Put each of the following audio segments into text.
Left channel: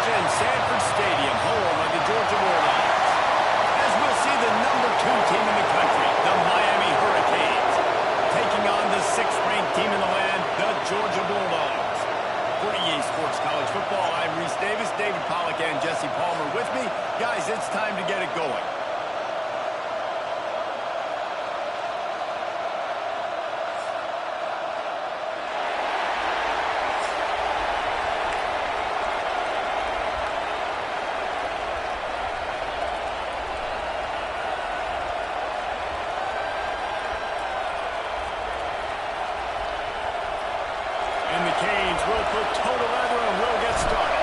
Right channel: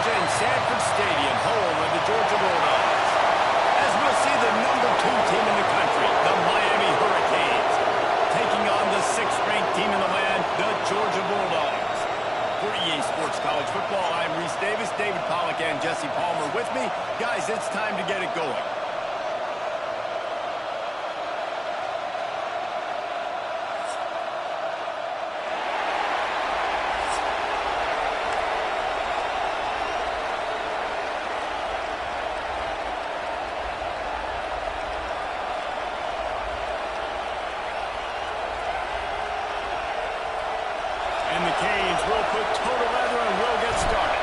Georgia in Sanford Stadium, home of the Georgia Bulldogs. As we'll see the #2 team in the country, the Miami Hurricanes, taking on the 6th-ranked team in the land, the Georgia Bulldogs. For EA Sports College Football, I'm Reese Davis, David Pollack, and Jesse Palmer with me. Guys, it's time to get it going. And the Canes will put total leather and we'll get started.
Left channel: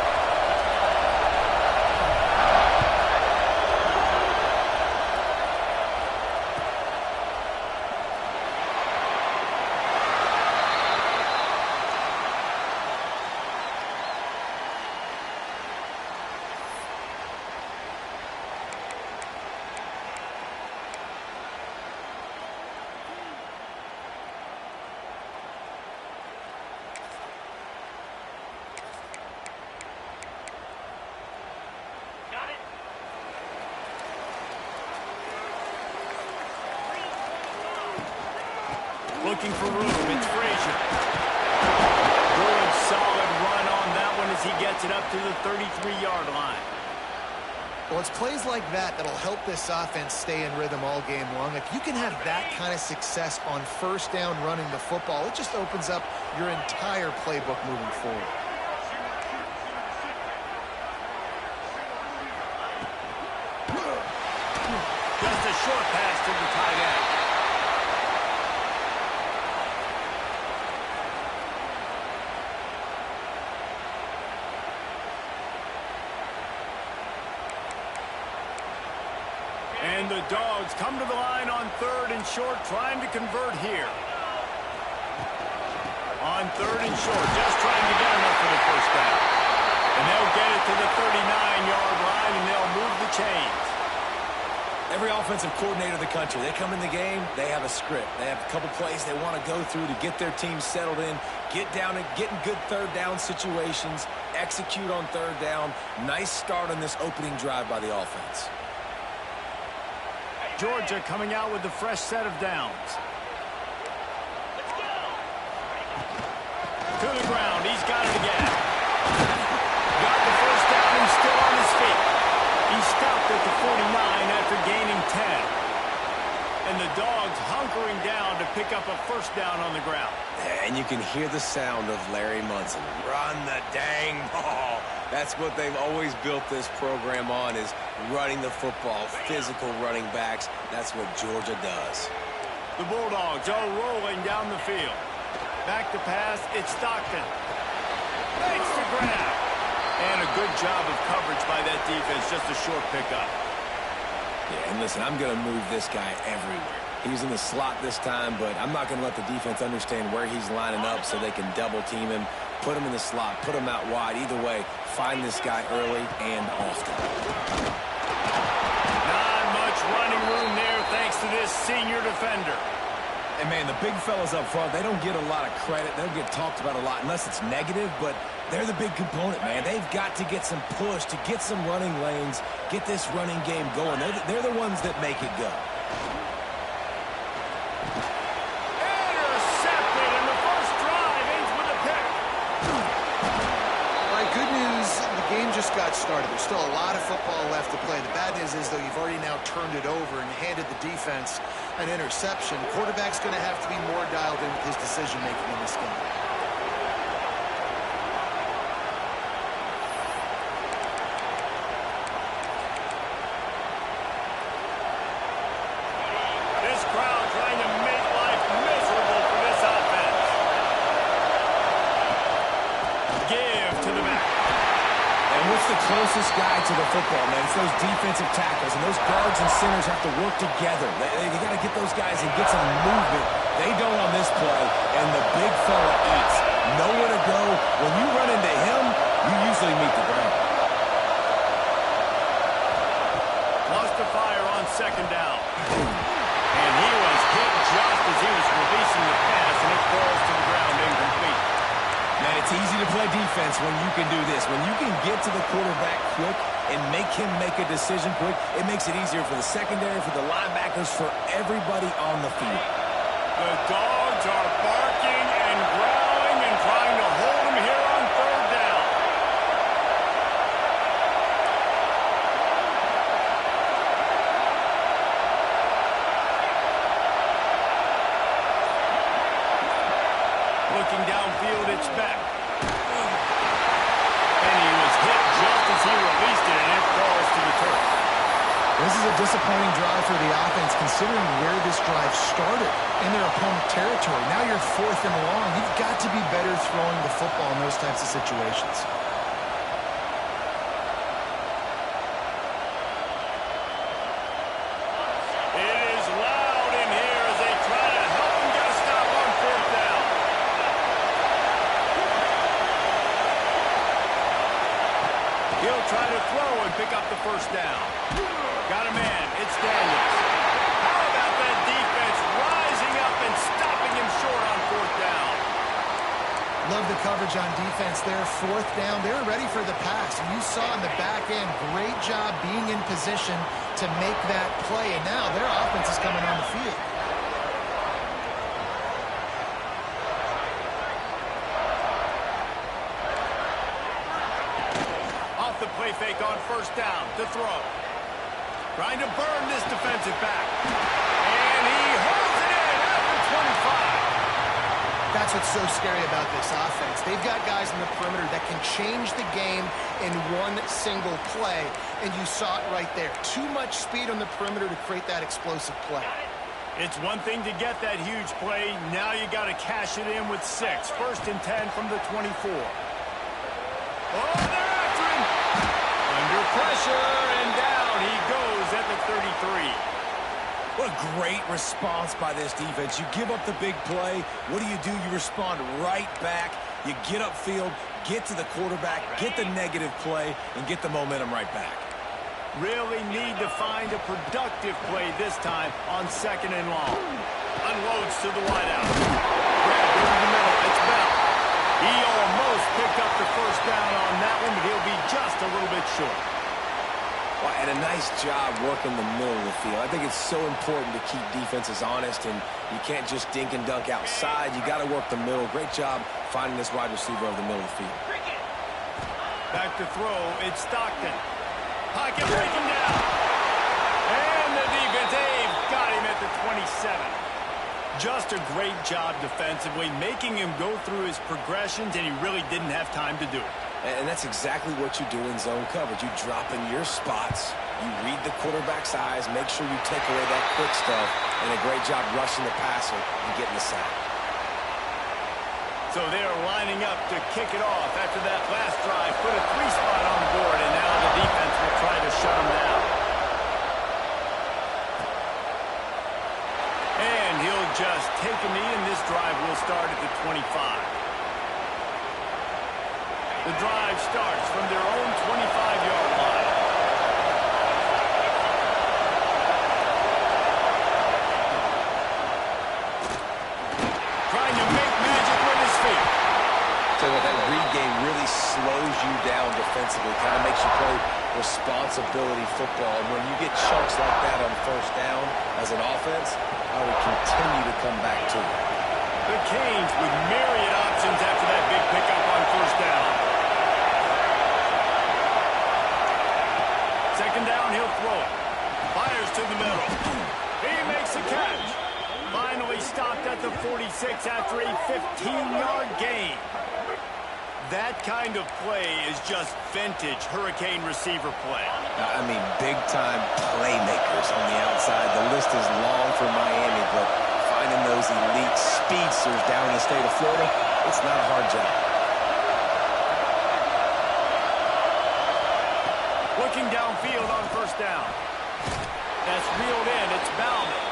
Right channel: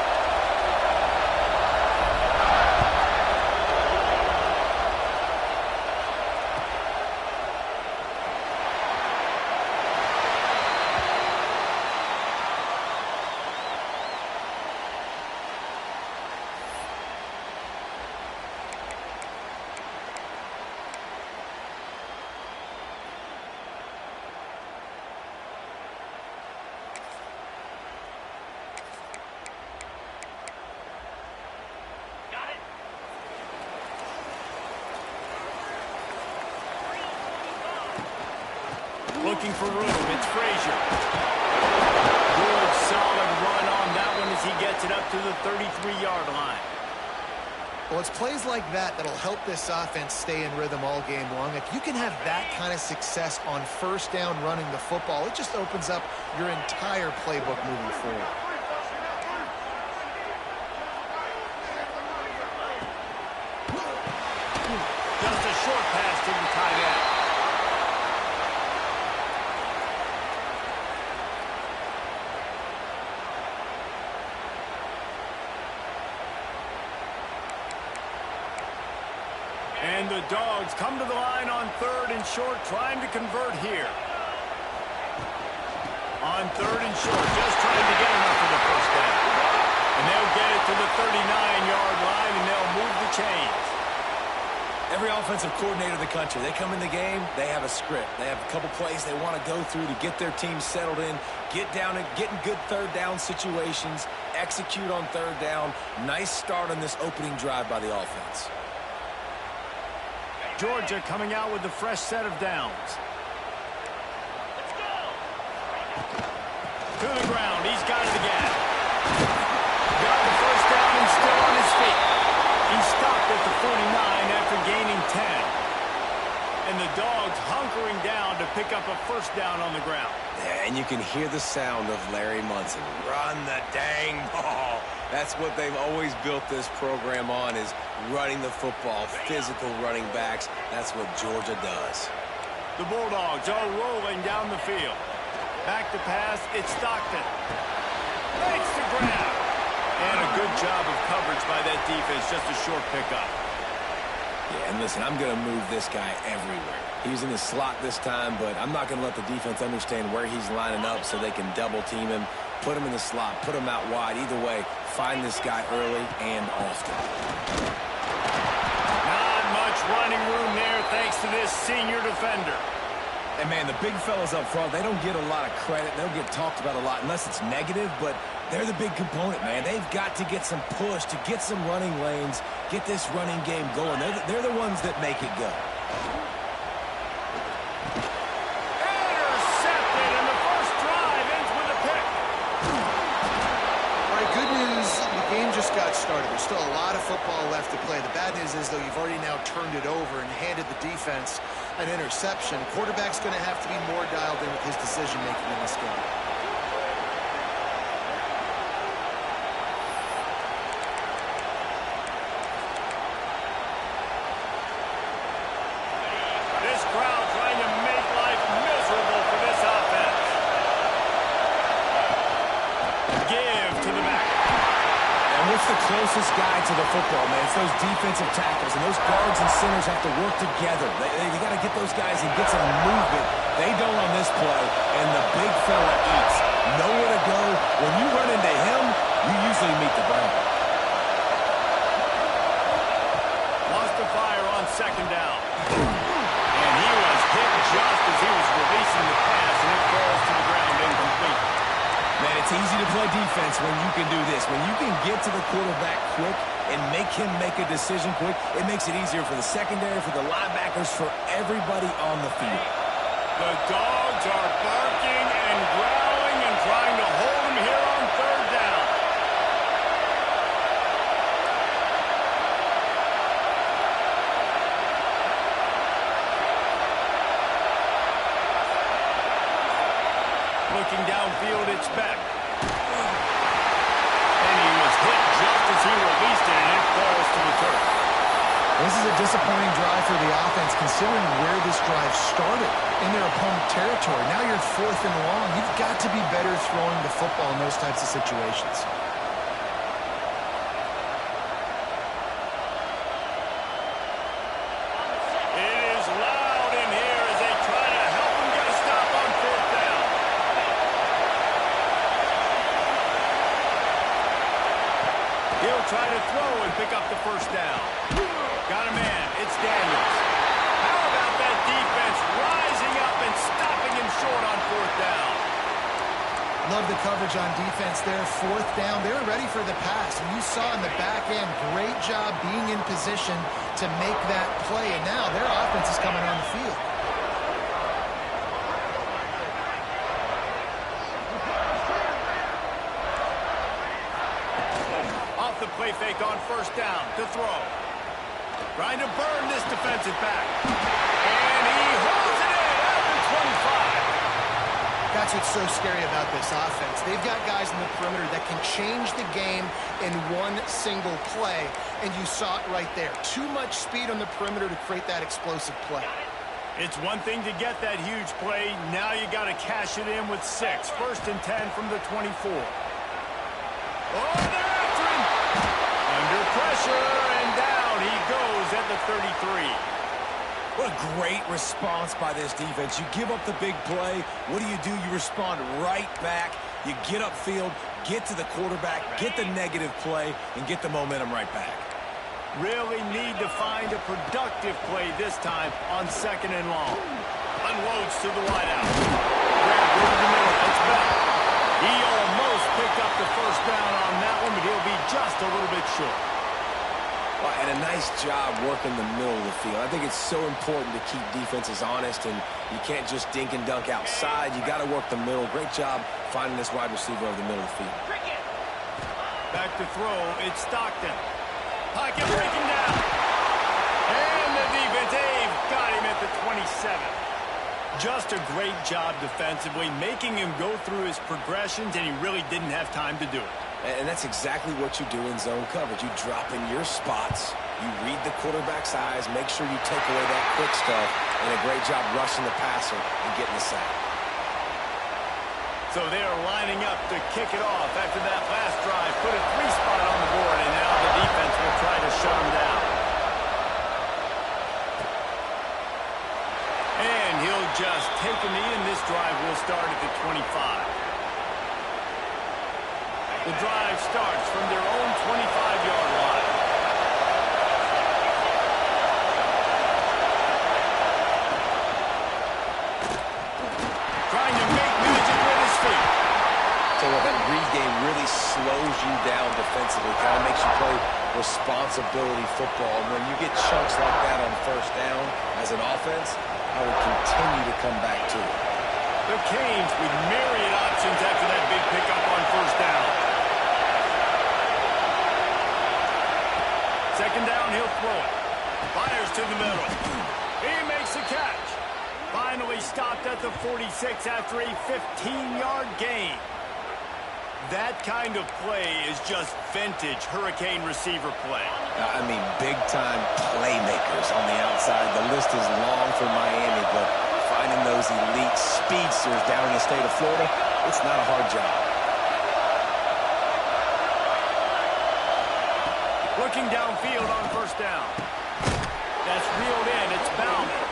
Looking for room, it's Frazier. Good, solid run on that one as he gets it up to the 33-yard line. Well, it's plays like that that'll help this offense stay in rhythm all game long. If you can have that kind of success on first down running the football, it just opens up your entire playbook moving forward. Just a short pass to the tight end. And the Dogs come to the line on 3rd and short, trying to convert here. On 3rd and short, just trying to get enough for the first down. And they'll get it to the 39-yard line, and they'll move the chains. Every offensive coordinator in the country, they come in the game, they have a script. They have a couple plays they want to go through to get their team settled in, get down and get in good third down situations, execute on 3rd down. Nice start on this opening drive by the offense. Georgia coming out with a fresh set of downs. Let's go. To the ground. He's got it again. Got the first down and still on his feet. He stopped at the 49 after gaining 10. And the Dogs hunkering down to pick up a first down on the ground. And you can hear the sound of Larry Munson. Run the dang ball. That's what they've always built this program on, is running the football, physical running backs. That's what Georgia does. The Bulldogs are rolling down the field. Back to pass, it's Stockton. Makes the grab. And a good job of coverage by that defense, just a short pickup. Yeah, and listen, I'm going to move this guy everywhere. He's in the slot this time, but I'm not going to let the defense understand where he's lining up so they can double team him, put him in the slot, put him out wide. Either way, find this guy early and often. Not much running room there thanks to this senior defender. And, man, the big fellas up front, they don't get a lot of credit. They don't get talked about a lot unless it's negative, but they're the big component, man. They've got to get some push, to get some running lanes, get this running game going. They're the ones that make it go. Intercepted, and the first drive ends with a pick. All right, good news, the game just got started. There's still a lot of football left to play. The bad news is, though, you've already now turned it over and handed the defense an interception. Quarterback's going to have to be more dialed in with his decision-making in this game. This crowd trying to make life miserable for this offense. Give to the back. And what's the closest guy to the football, man? It's those defensive tackles, and those guards and centers have to work together. They got to get those guys and get some movement. They don't on this play, and the big fella eats. Nowhere to go. When you run into him, you usually meet the ground. Wants to fire on 2nd down. And he was hit just as he was releasing the pass, and it falls to the ground incomplete. Man, it's easy to play defense when you can do this. When you can get to the quarterback quick and make him make a decision quick, it makes it easier for the secondary, for the linebackers, for everybody on the field. The dogs are barking and growling and trying to hold him here on third down. Looking downfield, it's Beck. And he was hit just as he released it, and it falls to the turf. This is a disappointing drive for the offense, considering where this drive started, in their opponent territory. Now you're 4th and long. You've got to be better throwing the football in those types of situations. It is loud in here as they try to help him get a stop on 4th down. He'll try to throw and pick up the first down. Got a man. It's Daniels. How about that defense rising up and stopping him short on 4th down? Love the coverage on defense there. 4th down. They were ready for the pass. And you saw in the back end, great job being in position to make that play. And now their offense is coming on the field. Off the play fake on 1st down to throw. Trying to burn this defensive back. And he holds it in after 25. That's what's so scary about this offense. They've got guys in the perimeter that can change the game in one single play, and you saw it right there. Too much speed on the perimeter to create that explosive play. It's one thing to get that huge play. Now you got to cash it in with 6. 1st and 10 from the 24. Oh, they're after him. Under pressure, and down he goes at the 33. What a great response by this defense. You give up the big play. What do? You respond right back. You get upfield, get to the quarterback, get the negative play, and get the momentum right back. Really need to find a productive play this time on 2nd and long. Unloads to the wideout. Grab over the middle. It's Bell. He almost picked up the first down on that one, but he'll be just a little bit short. Well, and a nice job working the middle of the field. I think it's so important to keep defenses honest, and you can't just dink and dunk outside. You got to work the middle. Great job finding this wide receiver over the middle of the field. Back to throw. It's Stockton. Pocket breaking down. And the defense, they've got him at the 27. Just a great job defensively, making him go through his progressions, and he really didn't have time to do it. And that's exactly what you do in zone coverage. You drop in your spots, you read the quarterback's eyes, make sure you take away that quick stuff, and a great job rushing the passer and getting the sack. So they are lining up to kick it off after that last drive. Put a 3-spot on the board, and now the defense will try to shut them down. And he'll just take a knee, and this drive will start at the 25. The drive starts from their own 25-yard line. Trying to make magic with his feet. So that read game really slows you down defensively, kind of makes you play responsibility football. And when you get chunks like that on 1st down as an offense, I would continue to come back to it. The Canes with myriad options after that big pickup on 1st down. 2nd down, he'll throw it. Fires to the middle. He makes a catch. Finally stopped at the 46 after a 15-yard gain. That kind of play is just vintage Hurricane receiver play. I mean, big-time playmakers on the outside. The list is long for Miami, but finding those elite speedsters down in the state of Florida, it's not a hard job. Looking downfield on 1st down. That's reeled in. It's Bauman.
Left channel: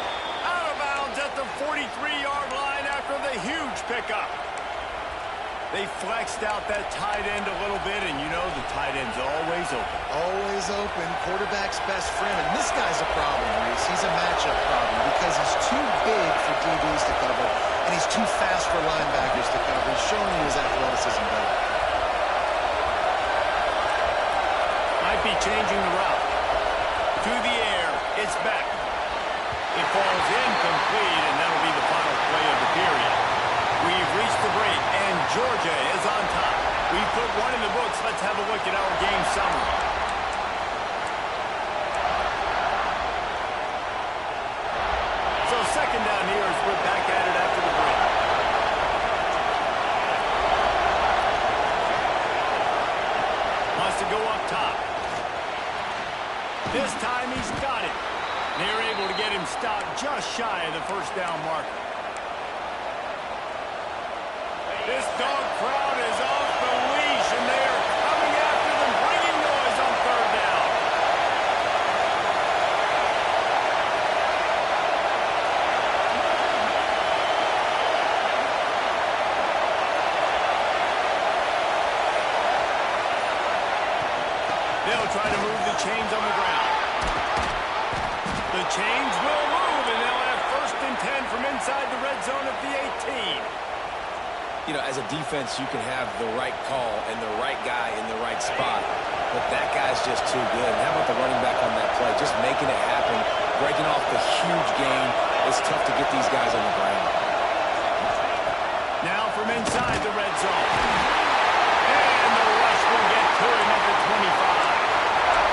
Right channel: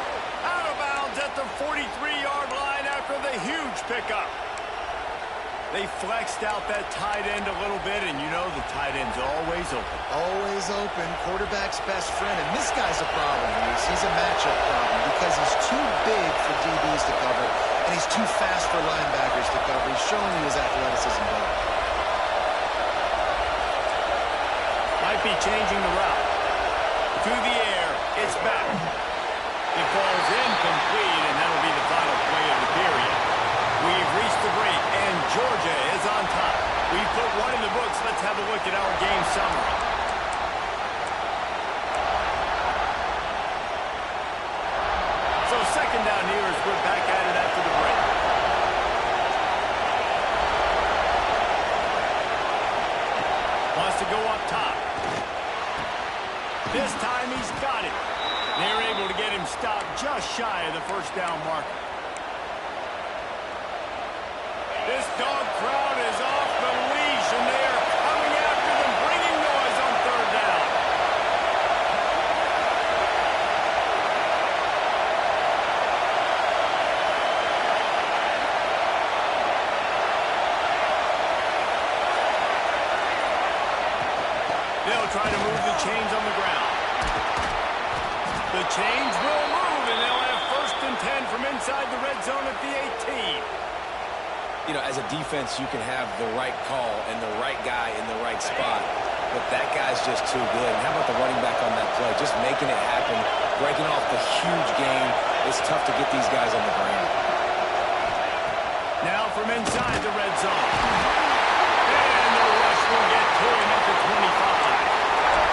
Out of bounds at the 43-yard line after the huge pickup. They flexed out that tight end a little bit, and you know the tight end's always open. Always open. Quarterback's best friend. And this guy's a problem, Reese. He's a matchup problem because he's too big for DBs to cover. and he's too fast for linebackers to cover. He's showing you his athleticism better. Might be changing the route. To the air, it's back. It falls incomplete, and that'll be the final play of the period. We've reached the break, and Georgia is on top. We've put one in the books. Let's have a look at our game summary. So second down here as we're back at it after the break. Wants to go up top. This time he's got it. They're able to get him stopped just shy of the first down marker. This dog crowd is off the leash, and they are coming after them, bringing noise on third down. They'll try to move the chains on the ground. The chains will move, and they'll have 1st and 10 from inside the red zone at the 18. You know, as a defense, you can have the right call and the right guy in the right spot, but that guy's just too good. And how about the running back on that play? Just making it happen, breaking off the huge gain. It's tough to get these guys on the ground. Now from inside the red zone. And the rush will get to him at the 25.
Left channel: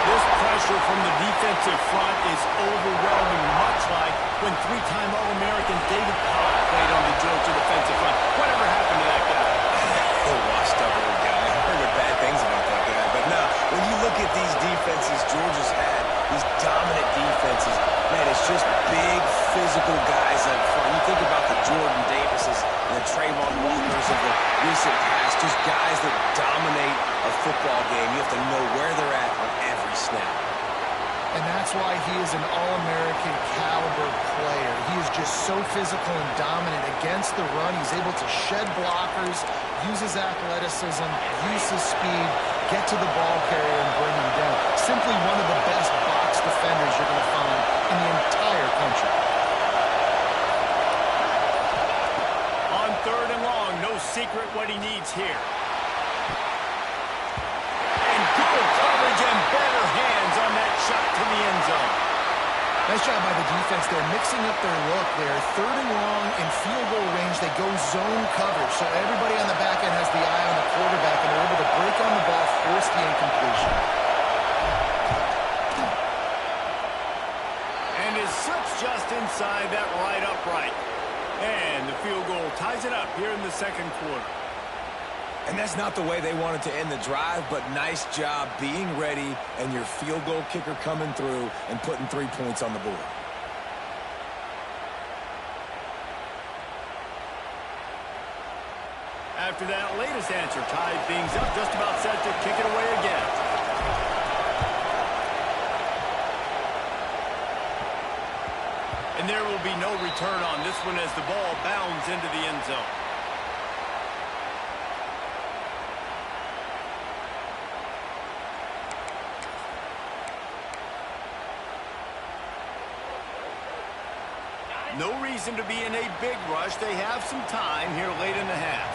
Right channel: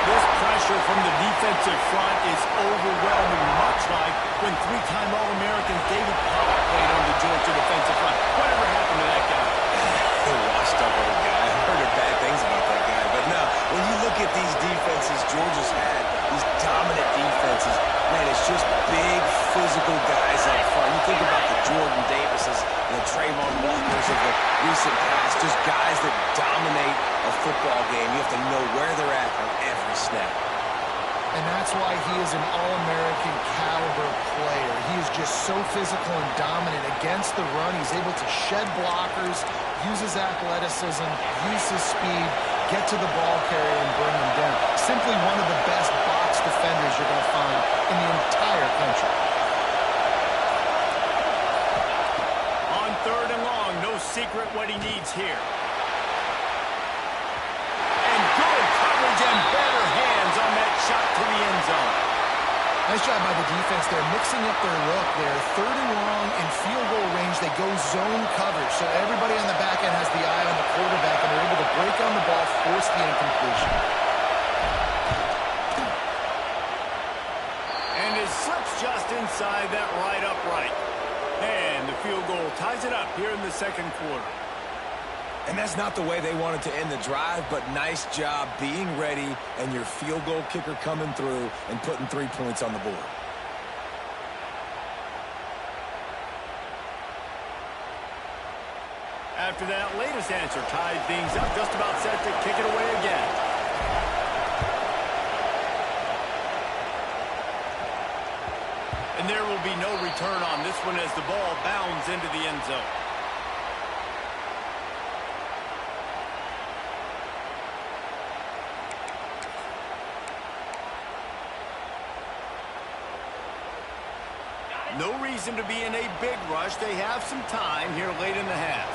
This pressure from the defensive front is overwhelming, much like when 3-time All-American David Pollock played on the Georgia defensive front. Whatever happened to that guy? A washed-up old guy. I've heard bad things about that guy. But no, when you look at these defenses Georgia's had, these dominant defenses, man, it's just big, physical guys up front. You think about the Jordan Davises and the Trayvon Walkers of the recent past, just guys that dominate a football game. You have to know where they're at on every snap. And that's why he is an All-American caliber player. He is just so physical and dominant against the run. He's able to shed blockers, use his athleticism, use his speed, get to the ball carrier and bring him down. Simply one of the best box defenders you're going to find in the entire country. On 3rd and long, no secret what he needs here. Good coverage and better hands on that shot to the end zone. Nice job by the defense there, mixing up their look there. 3rd and long in field goal range, they go zone coverage. So everybody on the back end has the eye on the quarterback, and they're able to break on the ball, force the incompletion. And it slips just inside that right upright. And the field goal ties it up here in the 2nd quarter. And that's not the way they wanted to end the drive, but nice job being ready and your field goal kicker coming through and putting 3 points on the board. After that latest answer tied things up, just about set to kick it away again. And there will be no return on this one as the ball bounds into the end zone. No reason to be in a big rush. They have some time here late in the half.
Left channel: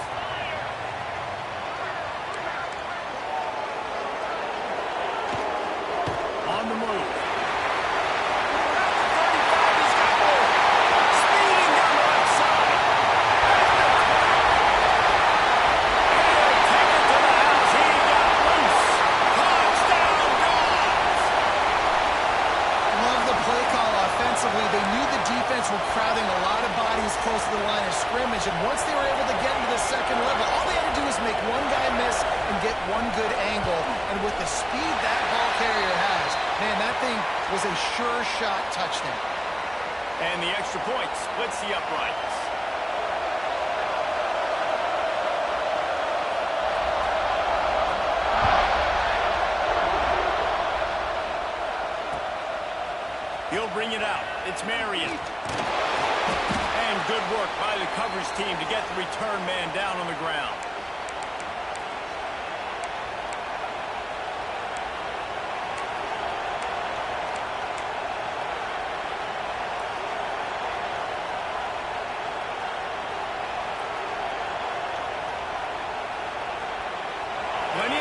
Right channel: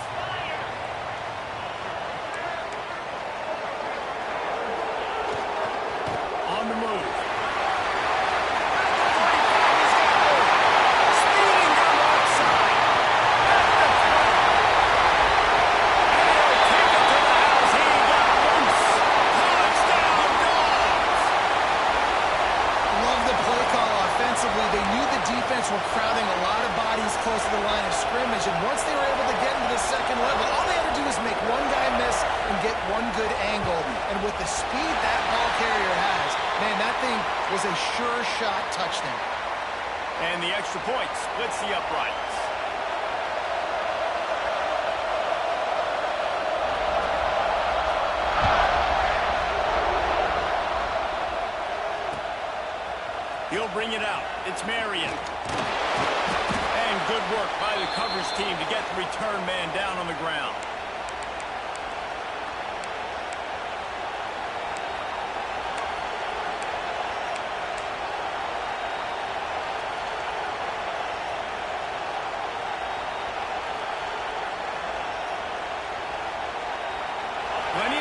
On the move. At the 35, he's got more. Speeding down the left side. At the 20. And he'll take it to the house. He got loose. Touchdown, Dogs! Love the play call offensively. They knew the defense were crowding a lot of bodies close to the line of scrimmage, and once they were able to get into the 2nd level, all they had to do was make one guy miss and get one good angle. And with the speed that ball carrier has, man, that thing was a sure shot touchdown. And the extra point splits the uprights. He'll bring it out. It's Marion. And good work by the coverage team to get the return man down on the ground.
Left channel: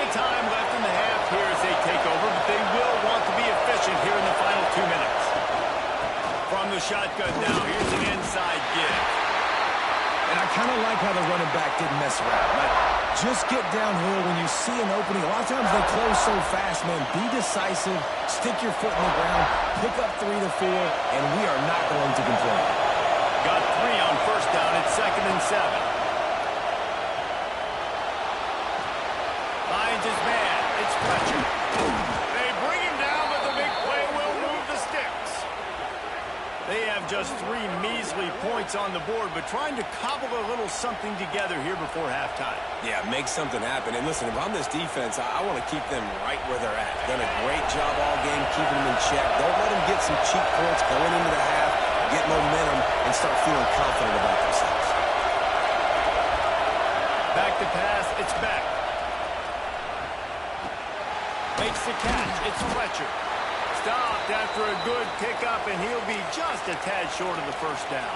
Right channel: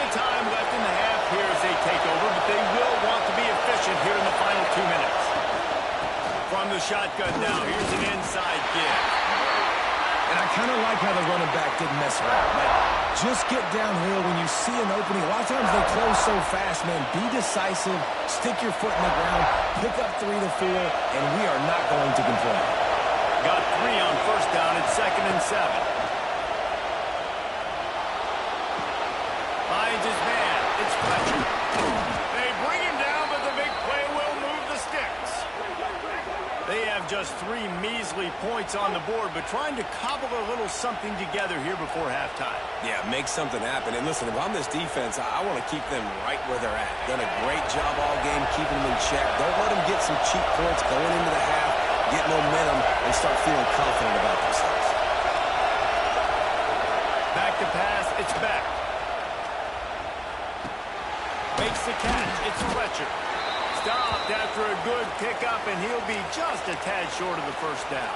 of time left in the half here as they take over, but they will want to be efficient here in the final 2 minutes. From the shotgun now, here's an inside give. And I kind of like how the running back didn't mess around. Like, just get downhill when you see an opening. A lot of times they close so fast, man. Be decisive, stick your foot in the ground, pick up 3 to 4, and we are not going to complain. Got 3 on first down at 2nd and 7. Finds his man. It's Fletcher. They bring him down, but the big play will move the sticks. They have just 3 measly points on the board, but trying to cobble a little something together here before halftime. Yeah, make something happen. And listen, if I'm this defense, I want to keep them right where they're at. Done a great job all game keeping them in check. Don't let them get some cheap points going into the half, get momentum, and start feeling confident about themselves. Back to pass, it's Beck. Makes the catch, it's Fletcher. Stopped after a good pickup, and he'll be just a tad short of the first down.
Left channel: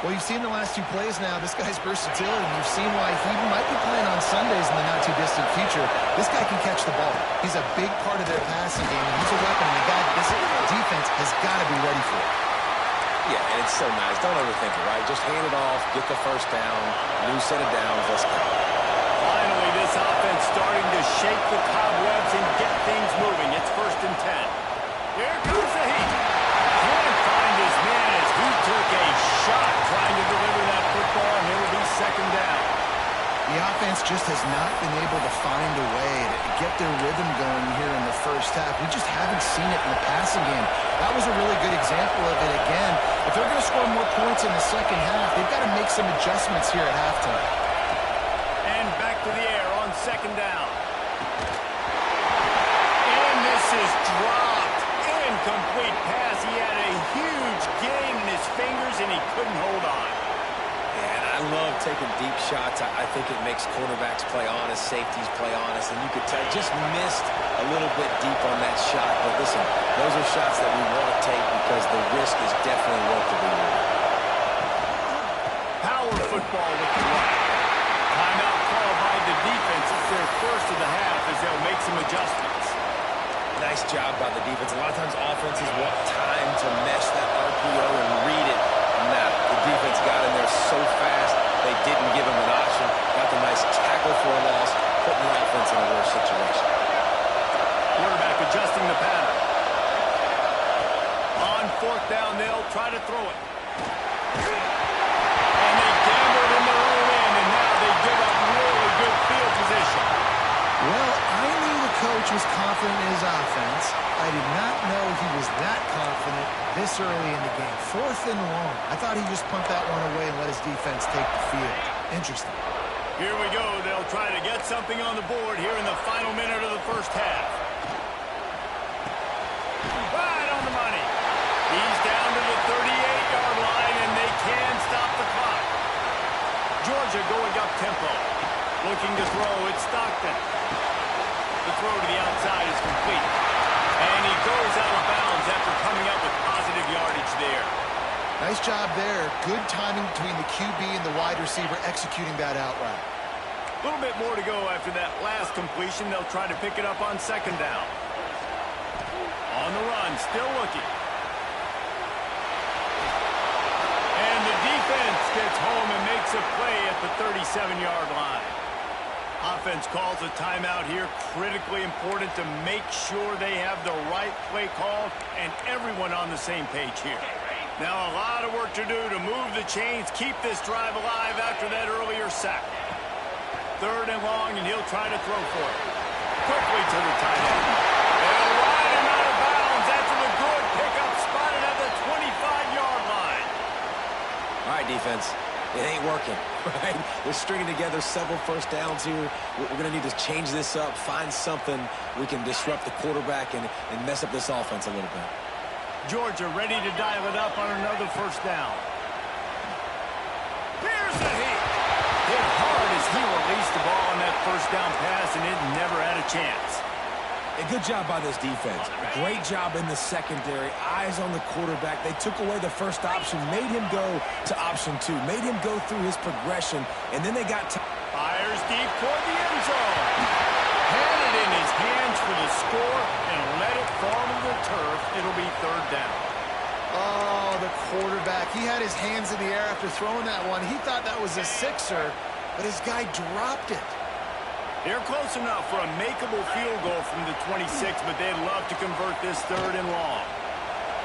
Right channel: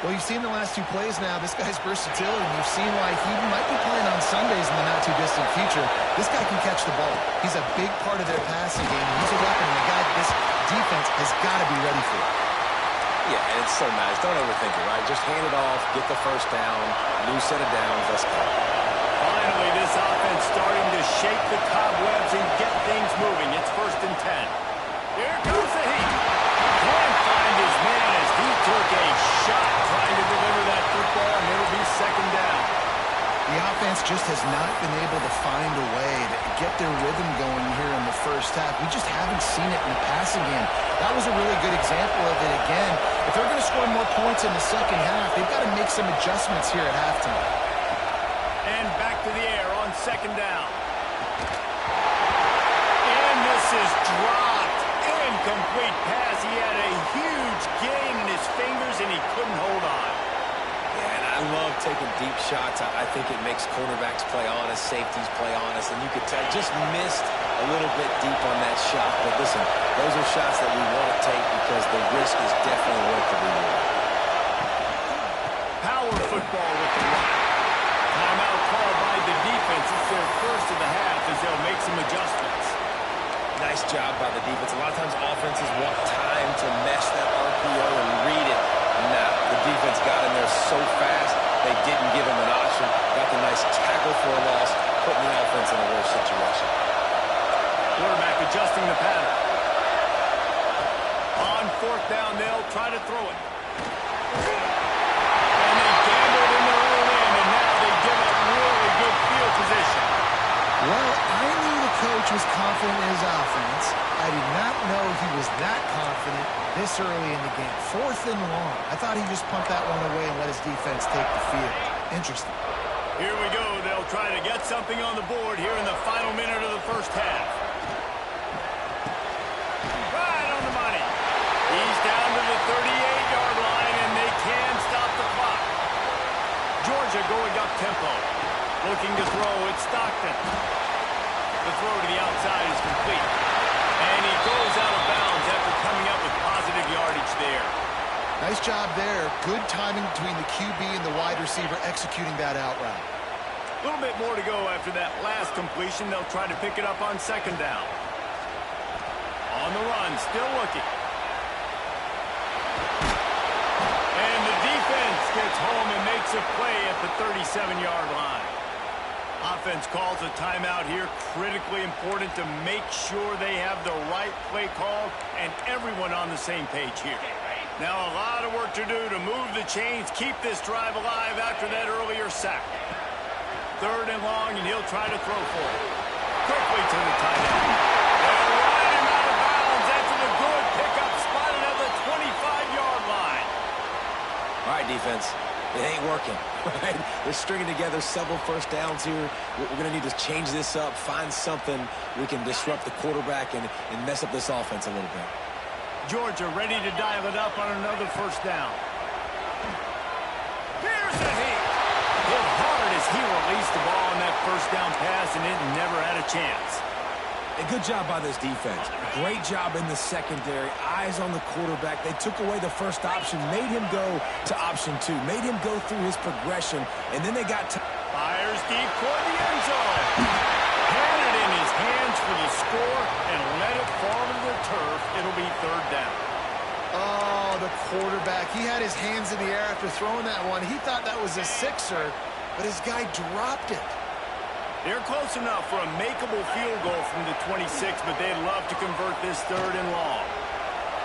Well, you've seen the last 2 plays now. This guy's versatility. You've seen why he might be playing on Sundays in the not-too-distant future. This guy can catch the ball. He's a big part of their passing game. He's a weapon, and a guy this defense has got to be ready for. Yeah, and it's so nice. Don't overthink it, right? Just hand it off, get the first down, new set of downs, let's go. Finally, this offense starting to shake the cobwebs and get things moving. It's 1st and 10. Here comes the heat. Can't find his man as he took a shot trying to deliver that football, and it'll be 2nd down. The offense just has not been able to find a way to get their rhythm going here in the first half. We just haven't seen it in the passing game. That was a really good example of it again. If they're going to score more points in the second half, they've got to make some adjustments here at halftime. And back to the air on 2nd down. And this is dropped. Incomplete pass. He had a huge gain in his fingers, and he couldn't hold on. Yeah, and I love taking deep shots. I think it makes cornerbacks play honest, safeties play honest, and you could tell just missed a little bit deep on that shot. But listen, those are shots that we want to take because the risk is definitely worth the reward. Power football with the run. Timeout called by the defense. It's their first of the half as they'll make some adjustments. Nice job by the defense. A lot of times offenses want time to mesh that RPO and read it. Nah, the defense got in there so fast, they didn't give him an option. Got the nice tackle for a loss, putting the offense in a worse situation. Quarterback adjusting the pattern. On 4th down, they'll try to throw it. And they gambled in their own end, and now they give up really good field position. Well, I knew the coach was confident in his offense. I did not know he was that confident this early in the game. 4th and long. I thought he just pumped that one away and let his defense take the field. Interesting. Here we go. They'll try to get something on the board here in the final minute of the first half. Right on the money. He's down to the 38-yard line, and they can stop the clock. Georgia going up tempo. Looking to throw, it's Stockton. The throw to the outside is complete. And he goes out of bounds after coming up with positive yardage there. Nice job there. Good timing between the QB and the wide receiver executing that out route. A little bit more to go after that last completion. They'll try to pick it up on 2nd down. On the run, still looking. And the defense gets home and makes a play at the 37-yard line. Offense calls a timeout here. Critically important to make sure they have the right play call and everyone on the same page here. Now a lot of work to do to move the chains, keep this drive alive after that earlier sack. 3rd and long, and he'll try to throw for it. Quickly to the tight end. They'll ride him out of bounds after the good pickup spotted at the 25-yard line. All right, defense. It ain't working, right? They're stringing together several first downs here. We're going to need to change this up, find something we can disrupt the quarterback and mess up this offense a little bit. Georgia ready to dial it up on another first down. Here's the heat. Hit hard as he released the ball on that first down pass, and it never had a chance. A good job by this defense. Great job in the secondary. Eyes on the quarterback. They took away the first option, made him go to option 2, made him go through his progression, and then they got Fires deep toward the end zone. Had it in his hands for the score and let it fall to the turf. It'll be third down. Oh, the quarterback. He had his hands in the air after throwing that one. He thought that was a sixer, but his guy dropped it. They're close enough for a makeable field goal from the 26, but they'd love to convert this third and long.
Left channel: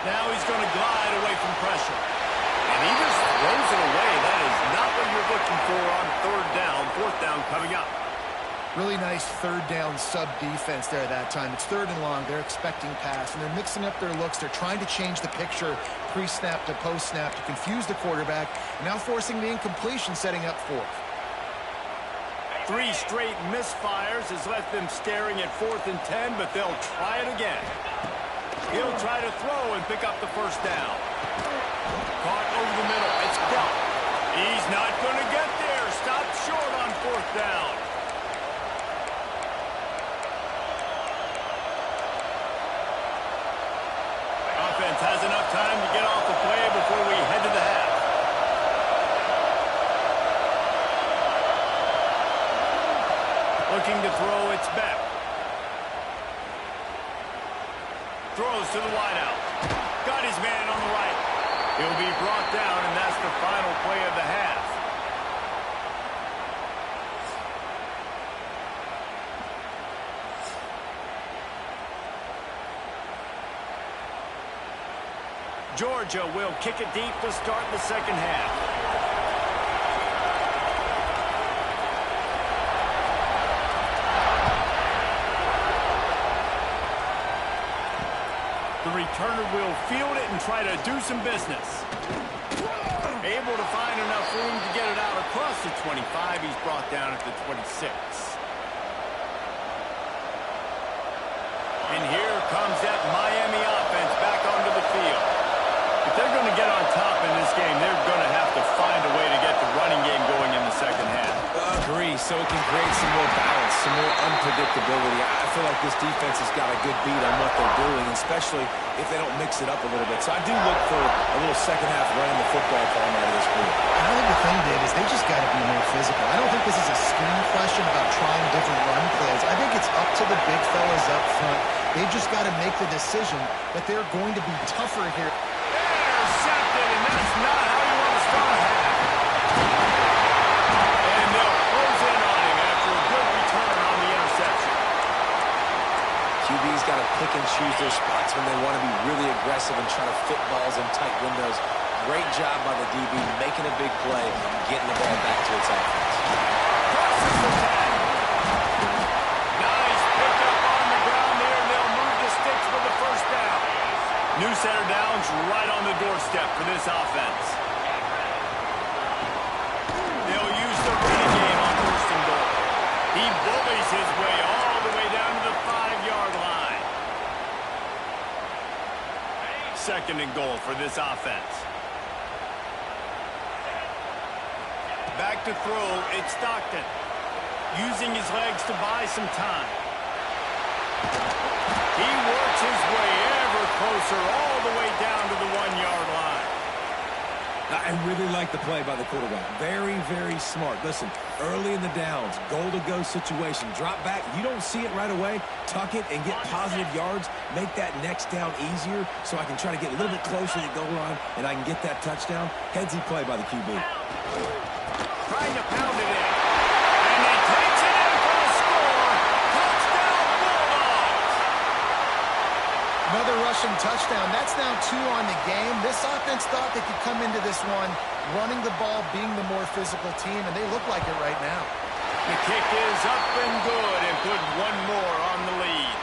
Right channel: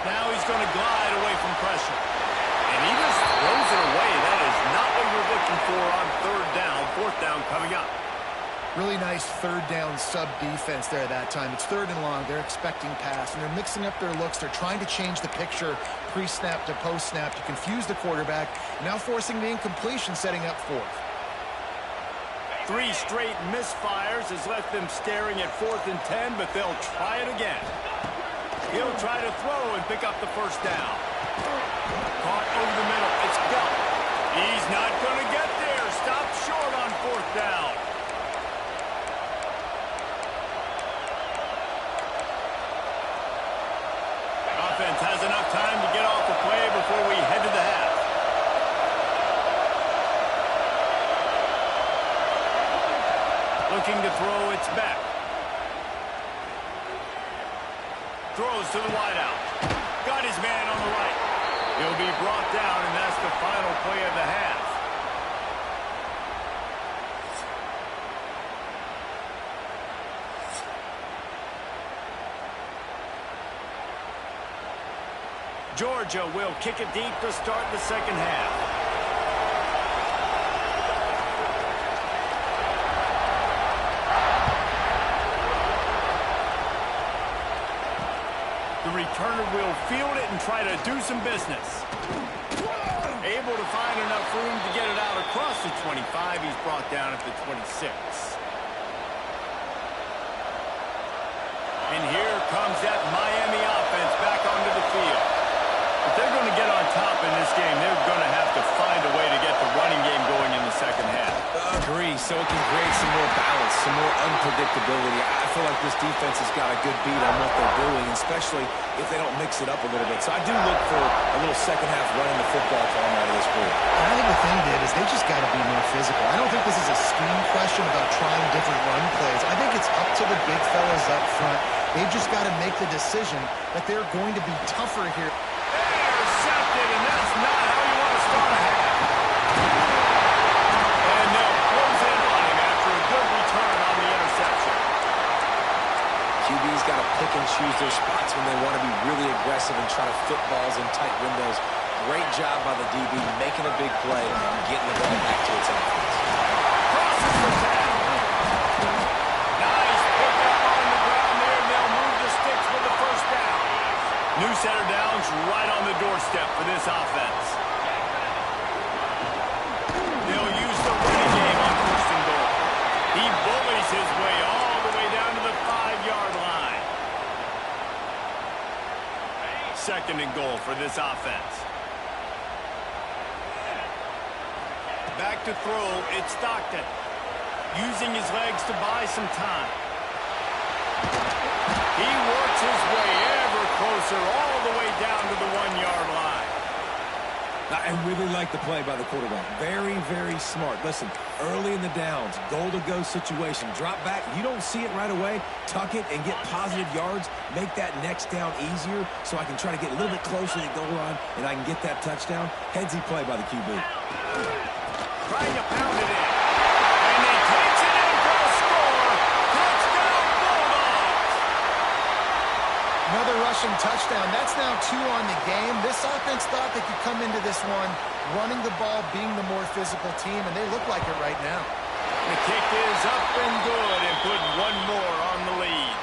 Now he's going to glide away from pressure. And he just throws it away. That is not what you're looking for on third down. Fourth down coming up. Really nice third down sub-defense there that time. It's third and long. They're expecting pass, and they're mixing up their looks. They're trying to change the picture pre-snap to post-snap to confuse the quarterback, now forcing the incompletion, setting up fourth. 3 straight misfires has left them staring at 4th and 10, but they'll try it again. He'll try to throw and pick up the first down. Caught over the middle. It's dealt. He's not going to get there. Stopped short on 4th down. Offense has enough time to get off the play before we head to the half. Looking to throw, it's back. Throws to the wideout. Got his man on the right. He'll be brought down, and that's the final play of the half. Georgia will kick it deep to start the second half. The returner will field it and try to do some business. Able to find enough room to get it out across the 25. He's brought down at the 26. And here comes that Miami offense back onto the field. If they're going to get on top in this game, they're going to have to find a way to get the running game going in the second half. Agree, so it can create some more balance, some more unpredictability. I feel like this defense has got a good beat on what they're doing, especially if they don't mix it up a little bit. So I do look for a little second half running the football from out of this group. And I think the thing, Dave, is they just got to be more physical. I don't think this is a scheme question about trying different run plays. I think it's up to the big fellas up front. They've just got to make the decision that they're going to be tougher here. Intercepted, and that's not how you want to start a half. And they'll close in on him after a good return on the interception. QB's got to pick and choose their spots when they want to be really aggressive and try to fit balls in tight windows. Great job by the DB making a big play and getting the ball back to its offense. Crosses the 10. Nice pickup on the ground there, and they'll move the sticks with the first down. New center downs right on the doorstep for this offense. They'll use the running game on first and goal. He bullies his way all the way down to the 5-yard line. Second and goal for this offense. Back to throw, it's Stockton. Using his legs to buy some time. He works his way ever closer all the way down to the 1-yard line. I really like the play by the quarterback. Very, very smart. Listen, early in the downs, goal-to-go situation, drop back. You don't see it right away. Tuck it and get positive yards. Make that next down easier so I can try to get a little bit closer to the goal line and I can get that touchdown. Headsy play by the QB. Trying to pound it in. And he takes it in for the score. Touchdown, Bulldogs! Another rushing touchdown. That's now 2 on the game. This offense thought they could come into this one running the ball, being the more physical team, and they look like it right now. The kick is up and good and put one more on the lead.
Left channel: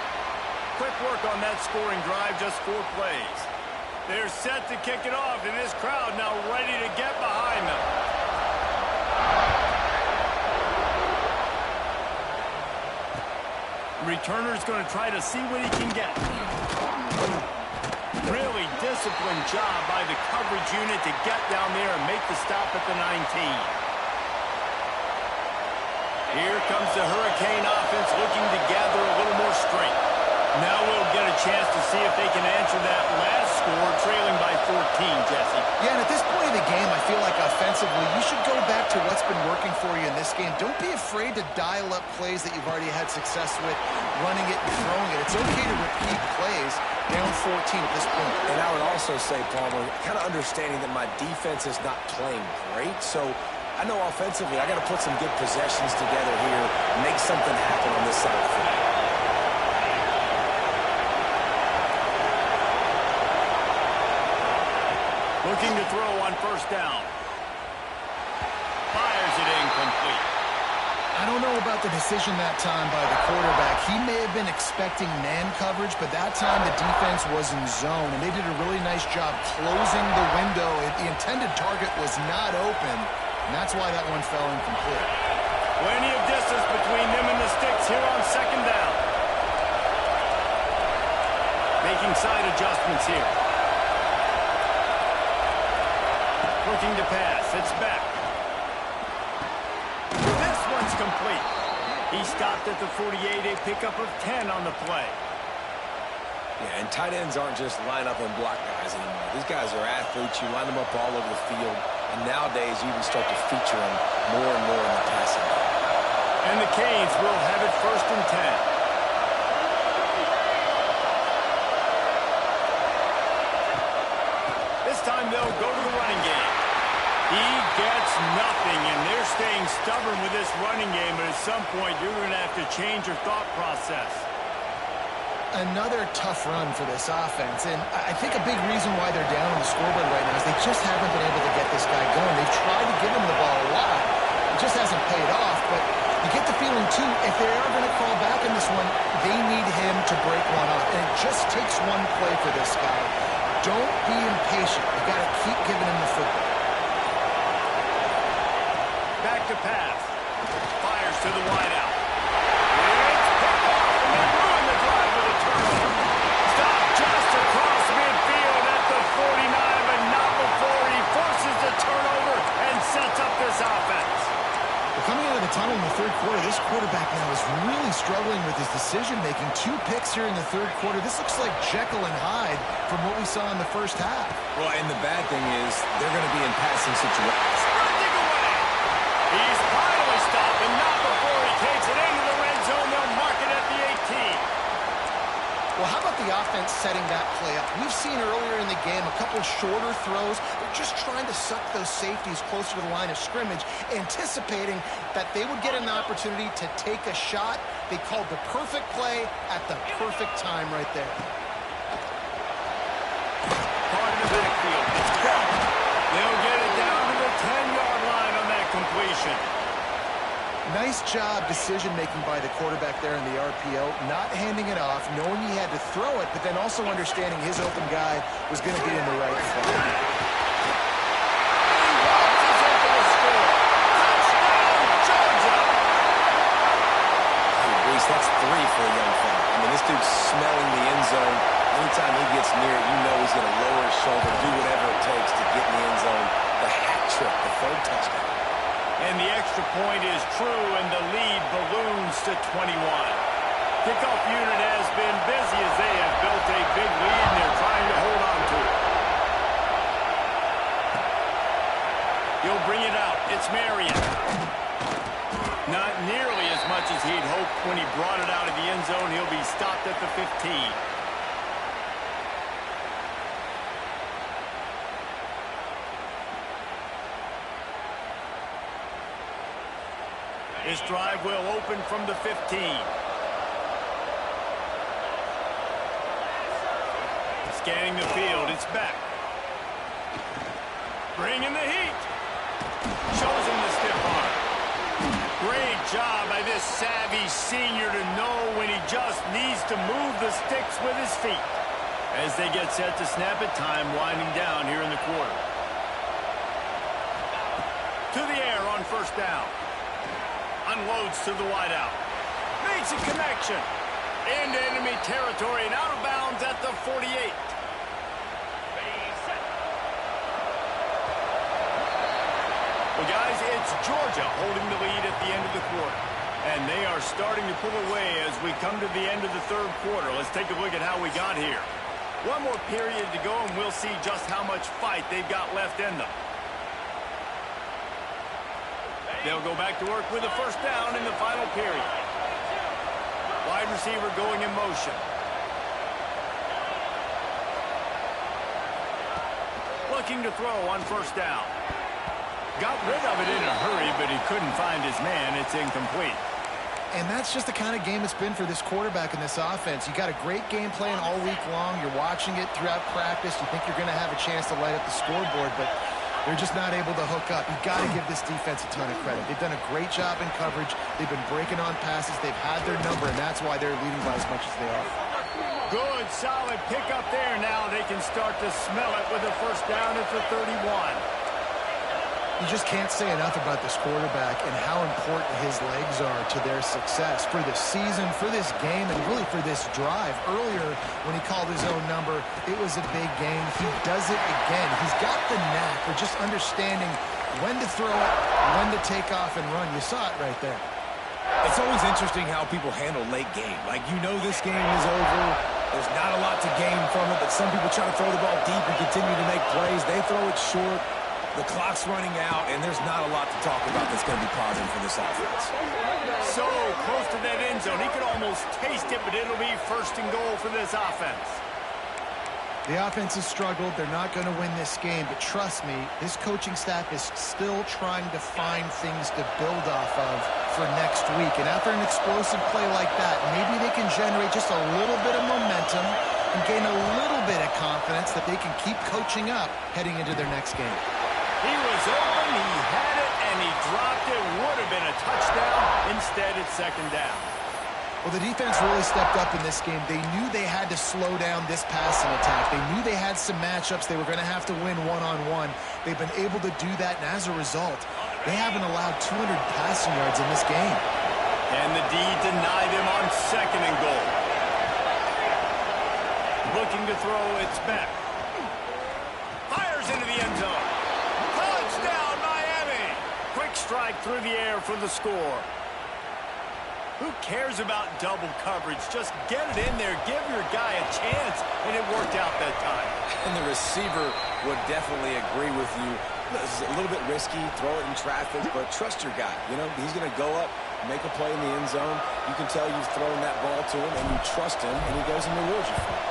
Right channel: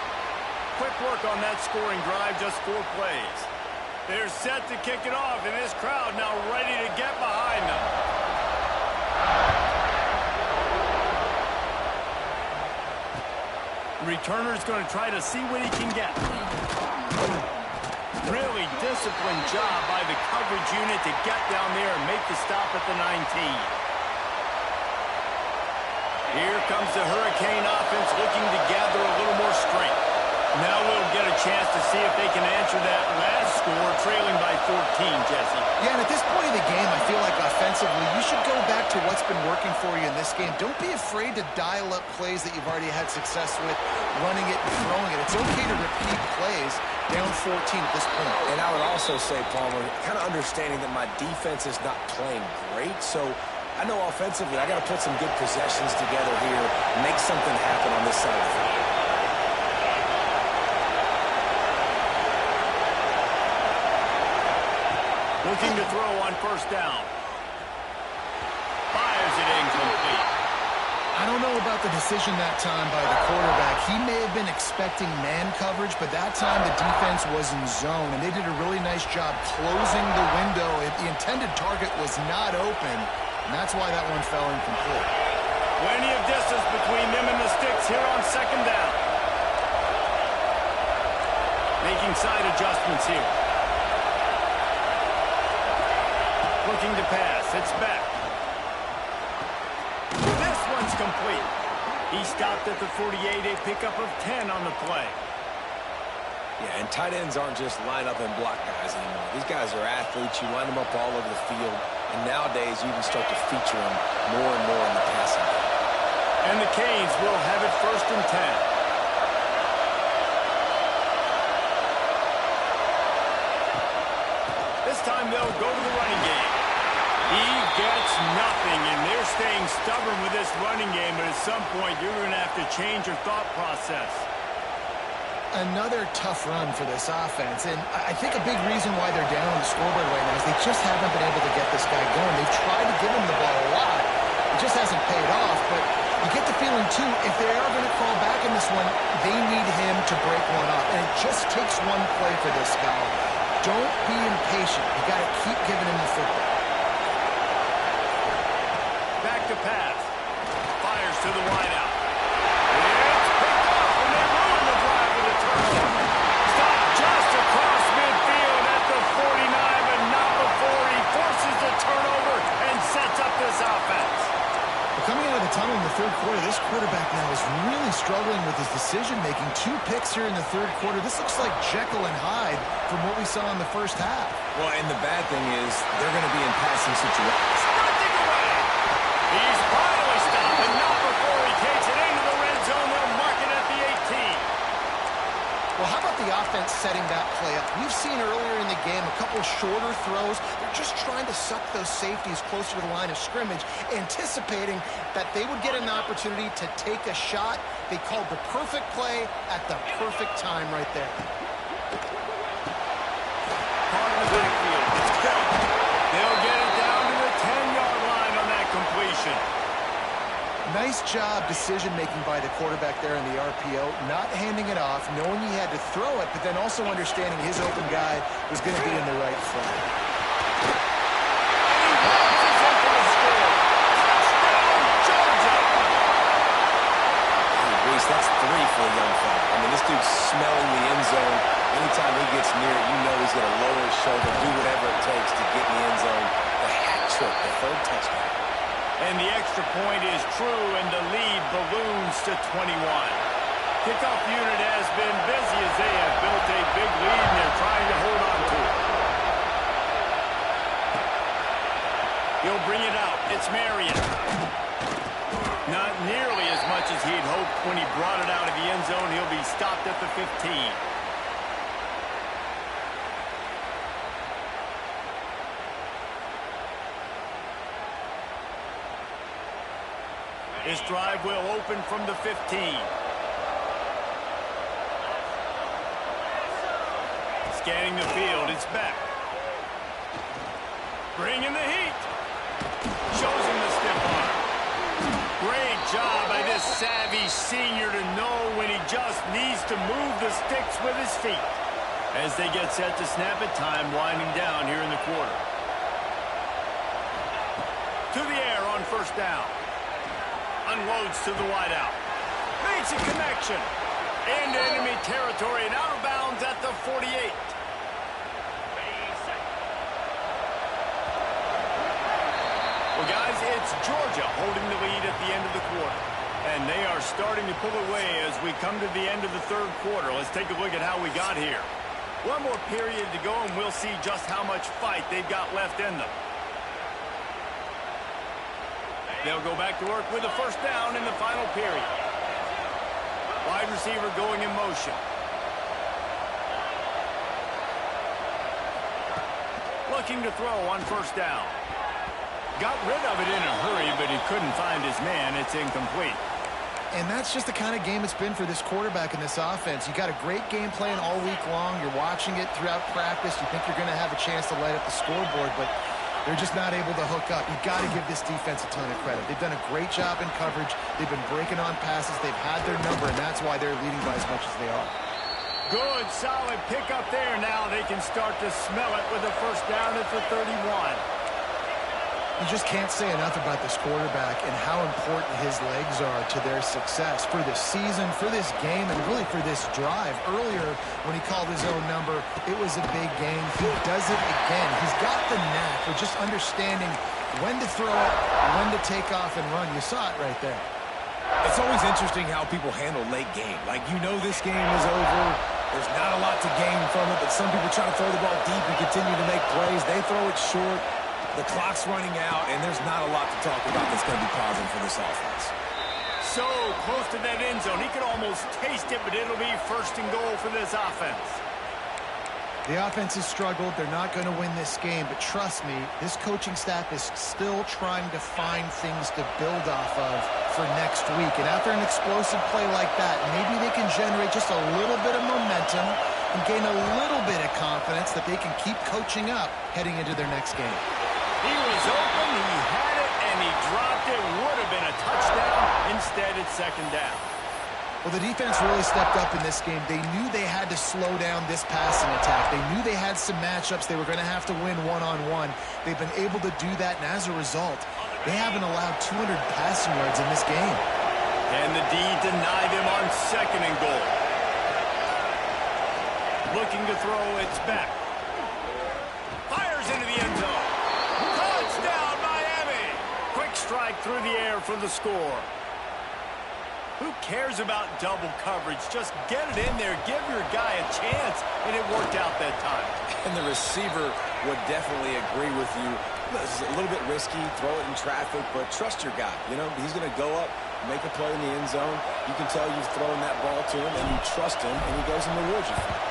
Quick work on that scoring drive, just 4 plays. They're set to kick it off, and this crowd now ready to get behind them. Returner's going to try to see what he can get. Really disciplined job by the coverage unit to get down there and make the stop at the 19. Here comes the Hurricane offense looking to gather a little more strength. Now we'll get a chance to see if they can answer that last score, trailing by 14, Jesse. Yeah, and at this point of the game, I feel like offensively, you should go back to what's been working for you in this game. Don't be afraid to dial up plays that you've already had success with, running it and throwing it. It's okay to repeat plays down 14 at this point. And I would also say, Palmer, kind of understanding that my defense is not playing great, so I know offensively I got to put some good possessions together here, make something happen on this side of the field. Looking to throw on first down. Fires it incomplete. I don't know about the decision that time by the quarterback. He may have been expecting man coverage, but that time the defense was in zone, and they did a really nice job closing the window. The intended target was not open, and that's why that one fell incomplete. Plenty of distance between them and the sticks here on second down. Making side adjustments here. Looking to pass. It's back. This one's complete. He stopped at the 48, a pickup of 10 on the play. Yeah, and tight ends aren't just line up and block guys anymore. These guys are athletes. You line them up all over the field. And nowadays, you even start to feature them more and more in the passing game. And the Canes will have it first and 10. This time they'll go to the running game. He gets nothing, and they're staying stubborn with this running game, but at some point you're going to have to change your thought process. Another tough run for this offense, and I think a big reason why they're down on the scoreboard right now is they just haven't been able to get this guy going. They've tried to give him the ball a lot. It just hasn't paid off, but you get the feeling, too, if they are going to crawl back in this one, they need him to break one off, and it just takes one play for this guy. Don't be impatient. You got to keep giving him the football. Back to pass. Fires to the wideout. It's picked off, and they ruin the drive with a turnover. Stopped just across midfield at the 49, but not before he forces the turnover and sets up this offense. Well, coming out of the tunnel in the third quarter, this quarterback now is really struggling with his decision-making. 2 picks here in the third quarter. This looks like Jekyll and Hyde from what we saw in the first half. Well, and the bad thing is they're going to be in passing situations. Sprinting away. He's finally stopped, but not before he takes it into the red zone. They'll mark it at the 18. Well, how about the offense setting that play up? We've seen earlier in the game a couple shorter throws. They're just trying to suck those safeties closer to the line of scrimmage, anticipating that they would get an opportunity to take a shot. They called the perfect play at the perfect time right there. Caught in the backfield. It's caught. They'll get it down to the 10-yard line on that completion. Nice job decision-making by the quarterback there in the RPO, not handing it off, knowing he had to throw it, but then also understanding his open guy was going to be in the right spot. And he launches in for the score. Touchdown, Georgia! Hey, Reese, that's 3 for a young fella. I mean, this dude's smelling the end zone. Anytime he gets near it, you know he's going to lower his shoulder, do whatever it takes to get in the end zone. The hat trick, the 3rd touchdown. And the extra point is true, and the lead balloons to 21. Kickoff unit has been busy as they have built a big lead, and they're trying to hold on to it. He'll bring it out. It's Marion. Not nearly as much as he'd hoped when he brought it out of the end zone. He'll be stopped at the 15. This drive will open from the 15. Scanning the field, it's back. Bringing the heat. Shows him the stiff arm. Great job by this savvy senior to know when he just needs to move the sticks with his feet. As they get set to snap it, time winding down here in the quarter. To the air on first down. Unloads to the wideout. Makes a connection. Into enemy territory and out of bounds at the 48. Well, guys, it's Georgia holding the lead at the end of the quarter. And they are starting to pull away as we come to the end of the third quarter. Let's take a look at how we got here. One more period to go, and we'll see just how much fight they've got left in them. They'll go back to work with a first down in the final period. Wide receiver going in motion. Looking to throw on first down. Got rid of it in a hurry, but he couldn't find his man. It's incomplete. And that's just the kind of game it's been for this quarterback in this offense. You got a great game plan all week long. You're watching it throughout practice. You think you're going to have a chance to light up the scoreboard, but they're just not able to hook up. You've got to give this defense a ton of credit. They've done a great job in coverage. They've been breaking on passes. They've had their number, and that's why they're leading by as much as they are. Good, solid pick up there. Now they can start to smell it with a first down at the 31. You just can't say enough about this quarterback and how important his legs are to their success for this season, for this game, and really for this drive. Earlier, when he called his own number, it was a big gain. He does it again. He's got the knack for just understanding when to throw it, when to take off and run. You saw it right there. It's always interesting how people handle late game. Like, you know this game is over. There's not a lot to gain from it, but some people try to throw the ball deep and continue to make plays. They throw it short. The clock's running out, and there's not a lot to talk about that's going to be positive for this offense. So close to that end zone. He could almost taste it, but it'll be first and goal for this offense. The offense has struggled. They're not going to win this game, but trust me, this coaching staff is still trying to find things to build off of for next week. And after an explosive play like that, maybe they can generate just a little bit of momentum and gain a little bit of confidence that they can keep coaching up heading into their next game. He was open, he had it, and he dropped it. Would have been a touchdown. Instead, it's second down. Well, the defense really stepped up in this game. They knew they had to slow down this passing attack. They knew they had some matchups they were going to have to win one-on-one. They've been able to do that, and as a result, they haven't allowed 200 passing yards in this game. And the D deny them on second and goal. Looking to throw, it's back. Fires into the end zone. Touchdown, Miami! Quick strike through the air for the score. Who cares about double coverage? Just get it in there. Give your guy a chance, and it worked out that time. And the receiver would definitely agree with you. This is a little bit risky, throw it in traffic, but trust your guy. You know, he's going to go up, make a play in the end zone. You can tell you've thrown that ball to him, and you trust him, and he goes and rewards you for it.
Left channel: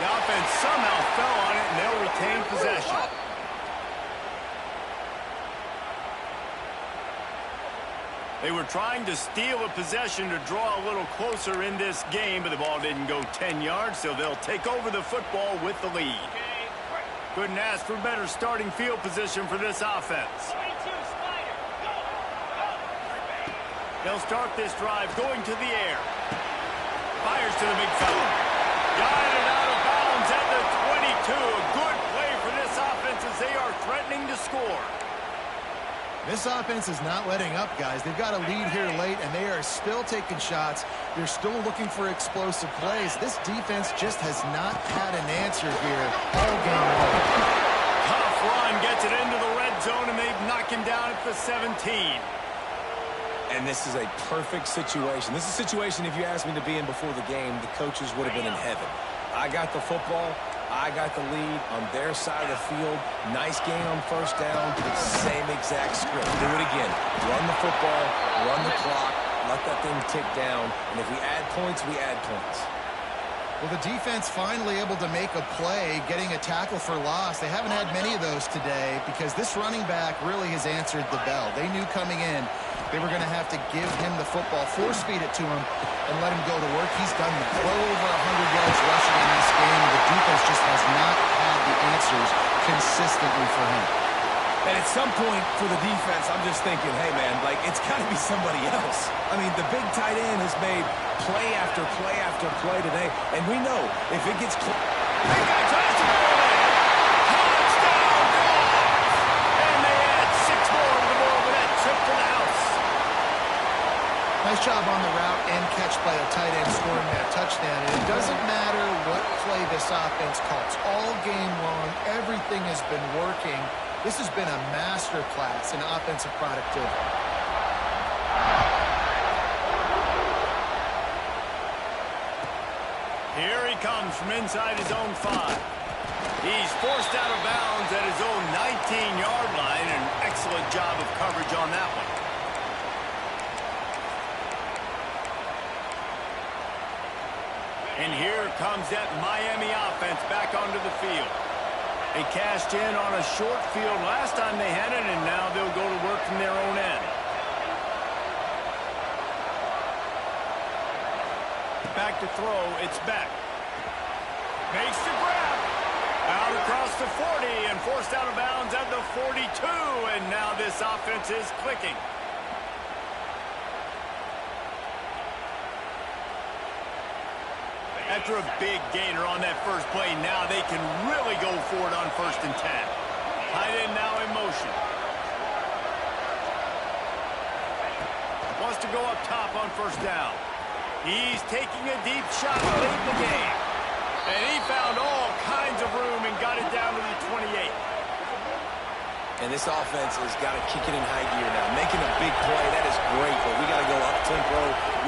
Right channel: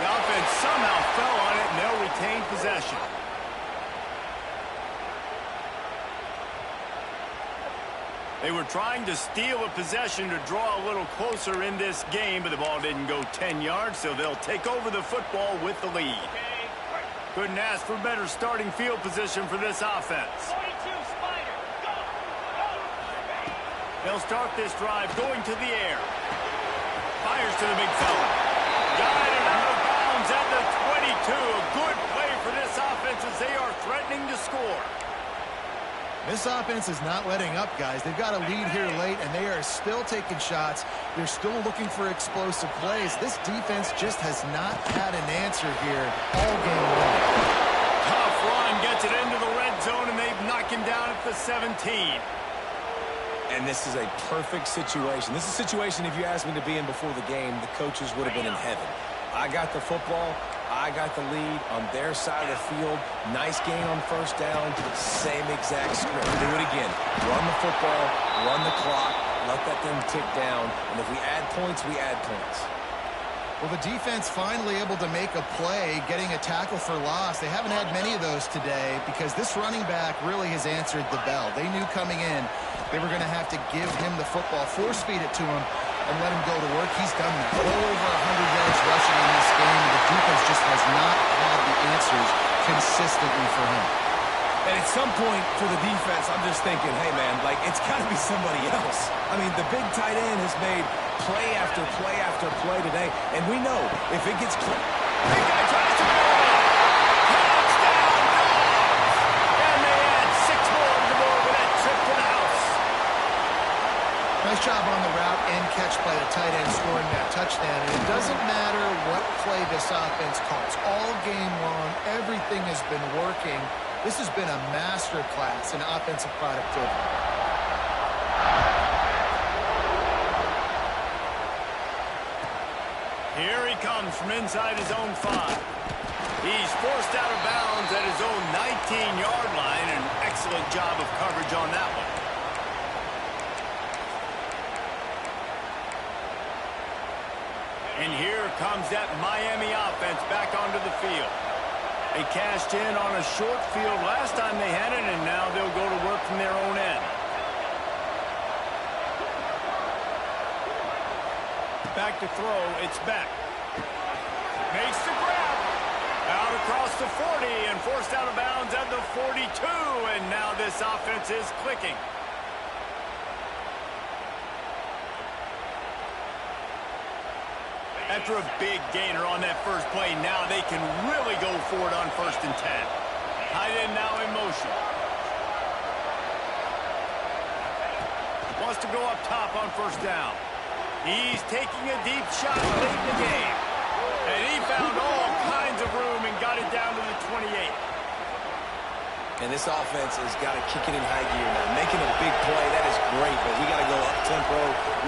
The offense somehow fell on it, and they'll retain possession. They were trying to steal a possession to draw a little closer in this game, but the ball didn't go 10 yards, so they'll take over the football with the lead. Couldn't ask for better starting field position for this offense. 42, Spider, go! Go! They'll start this drive going to the air. Fires to the big fella. Got it out of bounds at the 22. A good play for this offense as they are threatening to score. This offense is not letting up, guys. They've got a lead here late, and they are still taking shots. They're still looking for explosive plays. This defense just has not had an answer here all game long. Tough run gets it into the red zone, and they've knocked him down at the 17. And this is a perfect situation. This is a situation, if you asked me to be in before the game, the coaches would have been in heaven. I got the football. I got the lead on their side of the field. Nice gain on first down. Same exact script. Do it again. Run the football, run the clock, let that thing tick down. And if we add points, we add points. Well, the defense finally able to make a play, getting a tackle for loss. They haven't had many of those today because this running back really has answered the bell. They knew coming in they were going to have to give him the football, force-feed it to him, and let him go to work. He's done that. Well over 100 yards rushing in this game. The defense just has not had the answers consistently for him. And at some point for the defense, I'm just thinking, hey, man, like, it's got to be somebody else. I mean, the big tight end has made play after play after play today, and we know if it gets close. Big guy tries to go in. Touchdown, Dogs! And they add 6 more to the board with that trip to the house. Nice job on the route and catch by the tight end scoring that touchdown. And it doesn't matter what play this offense calls. All game long, everything has been working. This has been a master class in offensive productivity. Here he comes from inside his own 5. He's forced out of bounds at his own 19-yard line. An excellent job of coverage on that one. And here comes that Miami offense back onto the field. They cashed in on a short field last time they had it, and now they'll go to work from their own end. Back to throw, it's back. Makes the grab. Out across the 40 and forced out of bounds at the 42, and now this offense is clicking. After a big gainer on that first play, now they can really go for it on 1st and 10. Tight end now in motion. Wants to go up top on 1st down. He's taking a deep shot late in the game. And he found all kinds of room and got it down to the 28. And this offense has got to kick it in high gear now. Making a big play, that is great, but we got to go up-tempo.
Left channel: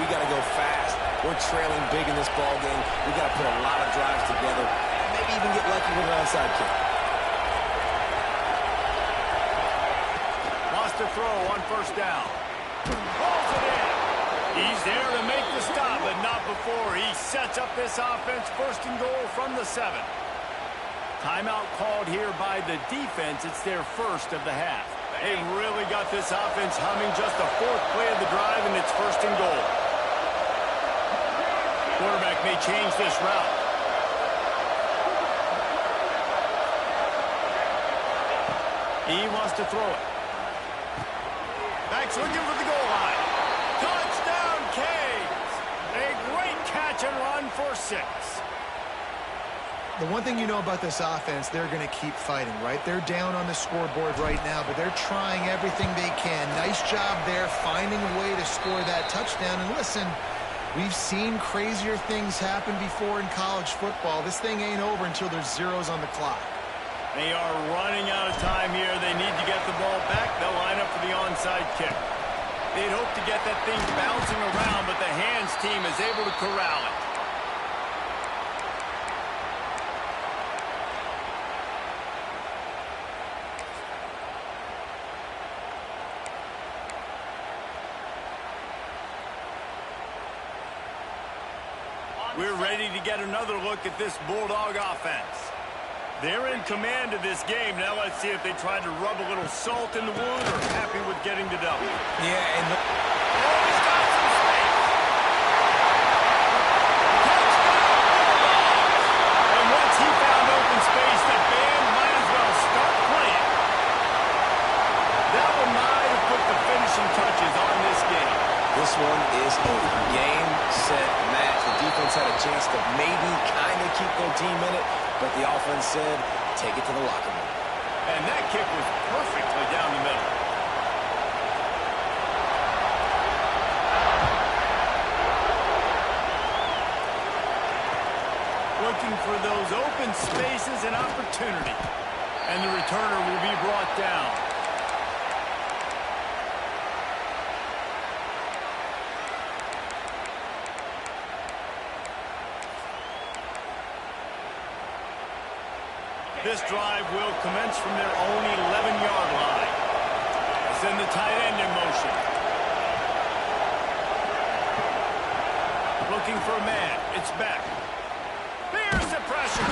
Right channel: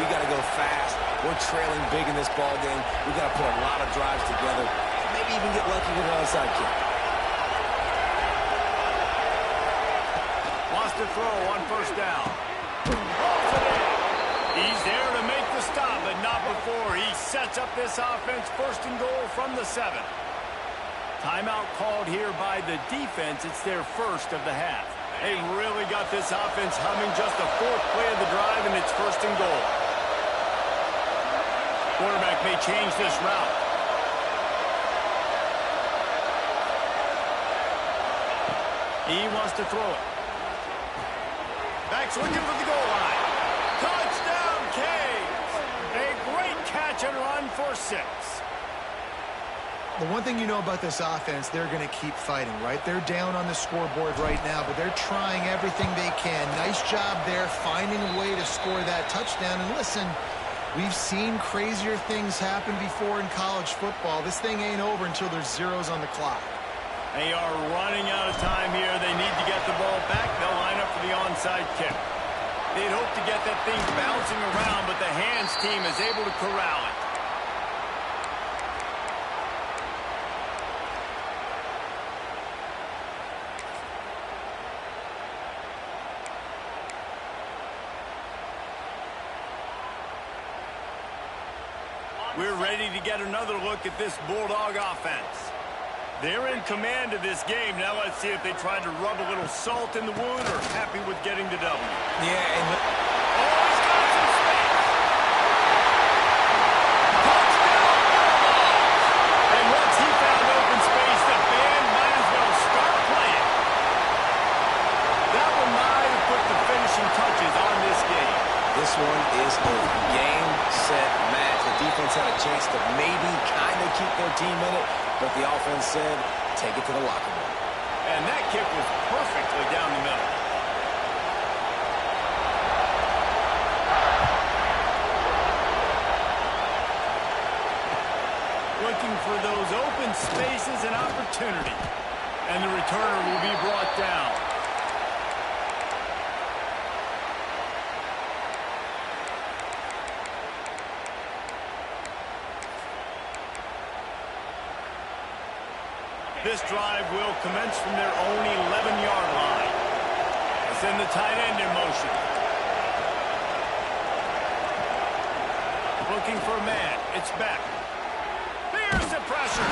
We got to go fast. We're trailing big in this ball game. We got to put a lot of drives together, and maybe even get lucky with an onside kick. Wants to throw on 1st down. Pulls it in. He's there to make the stop, but not before he sets up this offense 1st and goal from the 7. Timeout called here by the defense. It's their 1st of the half. They really got this offense humming. Just the 4th play of the drive, and it's 1st and goal. Quarterback may change this route. He wants to throw it. Back's looking for the goal line. Touchdown, Canes! A great catch and run for 6. The one thing you know about this offense, they're going to keep fighting, right? They're down on the scoreboard right now, but they're trying everything they can. Nice job there, finding a way to score that touchdown. And listen, we've seen crazier things happen before in college football. This thing ain't over until there's zeros on the clock. They are running out of time here. They need to get the ball back. They'll line up for the onside kick. They'd hope to get that thing bouncing around, but the hands team is able to corral it. We're ready to get another look at this Bulldog offense. They're in command of this game. Now let's see if they try to rub a little salt in the wound or happy with getting the W. Yeah, and oh, he's got some space. Touchdown, Bulldogs! And once he found open space, the band might as well start playing. That one might have put the finishing touches on this game. this one is over. Game, set, match. The defense had a chance to maybe kind of keep their team in it, but the offense said, take it to the locker room. And that kick was perfectly down the middle. Looking for those open spaces and opportunity. And the returner will be brought down. This drive will commence from their own 11-yard line. They send the tight end in motion. Looking for a man. It's back. Here's the pressure.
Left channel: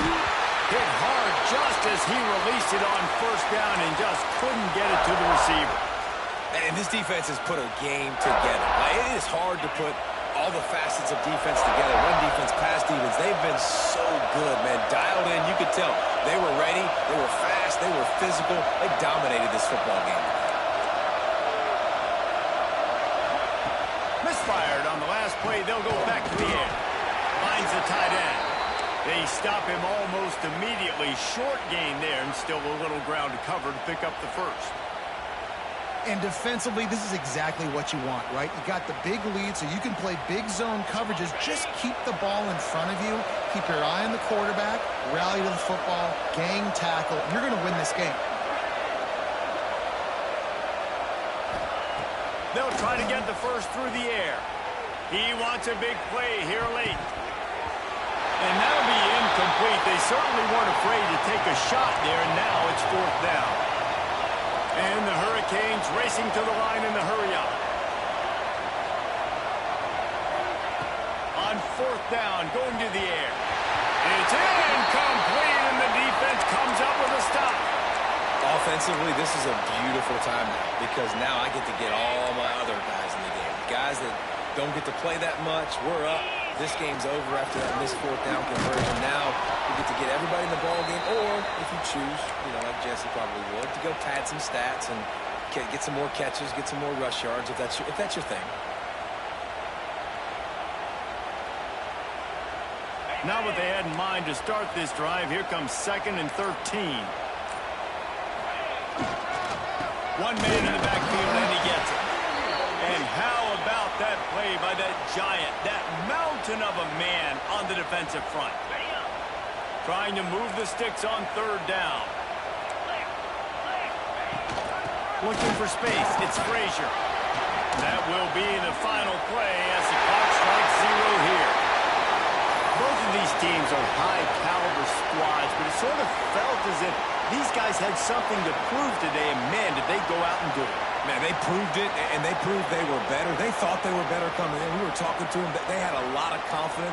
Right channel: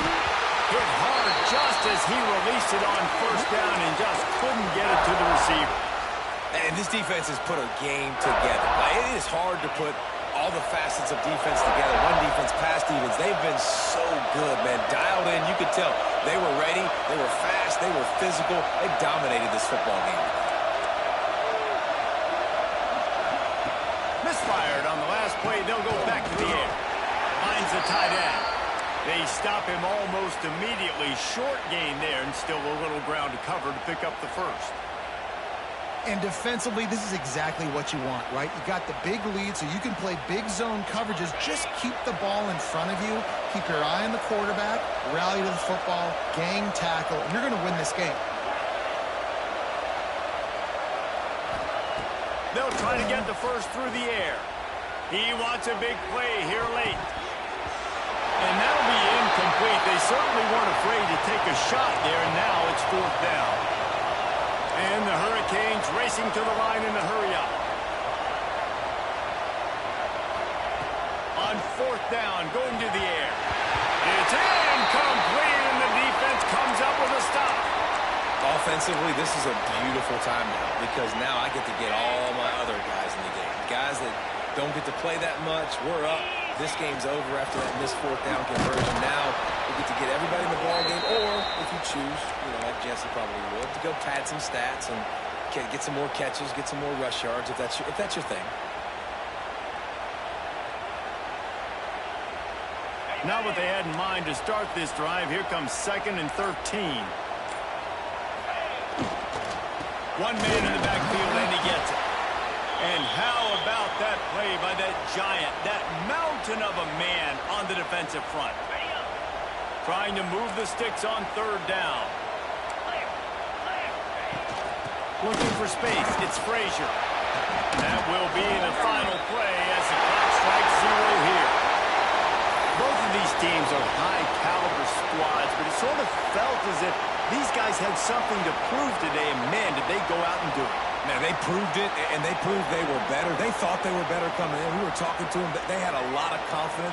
Hit hard just as he released it on first down and just couldn't get it to the receiver. And this defense has put a game together. Like, it is hard to put all the facets of defense together. Run defense, pass defense. They've been so good, man. Dialed in. You could tell they were ready. They were fast. They were physical. They dominated this football game today. Misfired on the last play. They'll go back to the air. Finds the tight end. They stop him almost immediately. Short gain there and still a little ground to cover to pick up the first. And defensively, this is exactly what you want, right? You got the big lead, so you can play big zone coverages. Just keep the ball in front of you. Keep your eye on the quarterback. Rally to the football. Gang tackle. And you're going to win this game. trying to get the first through the air. He wants a big play here late. And that'll be incomplete. They certainly weren't afraid to take a shot there, and now it's 4th down. And the Hurricanes racing to the line in the hurry-up. On 4th down, going to the air. It's incomplete, and the defense comes up with a stop. Offensively, this is a beautiful time now because now I get to get all my other guys in the game. Guys that don't get to play that much, we're up. This game's over after that missed 4th down conversion. Now we get to get everybody in the ball game, or if you choose, like Jesse probably would, to go pad some stats and get some more catches, get some more rush yards if that's your thing. Not what they had in mind to start this drive. Here comes 2nd and 13. One man in the backfield, and he gets it. And how about that play by that giant, that mountain of a man on the defensive front? Trying to move the sticks on 3rd down. Looking for space. It's Frazier. That will be the final play as the clock strikes 0 here. Both of these teams are high-caliber squads, but it sort of felt as if these guys had something to prove today, and man, did they go out and do it. Man, they proved it, and they proved they were better. They thought they were better coming in. We were talking to them. They had a lot of confidence.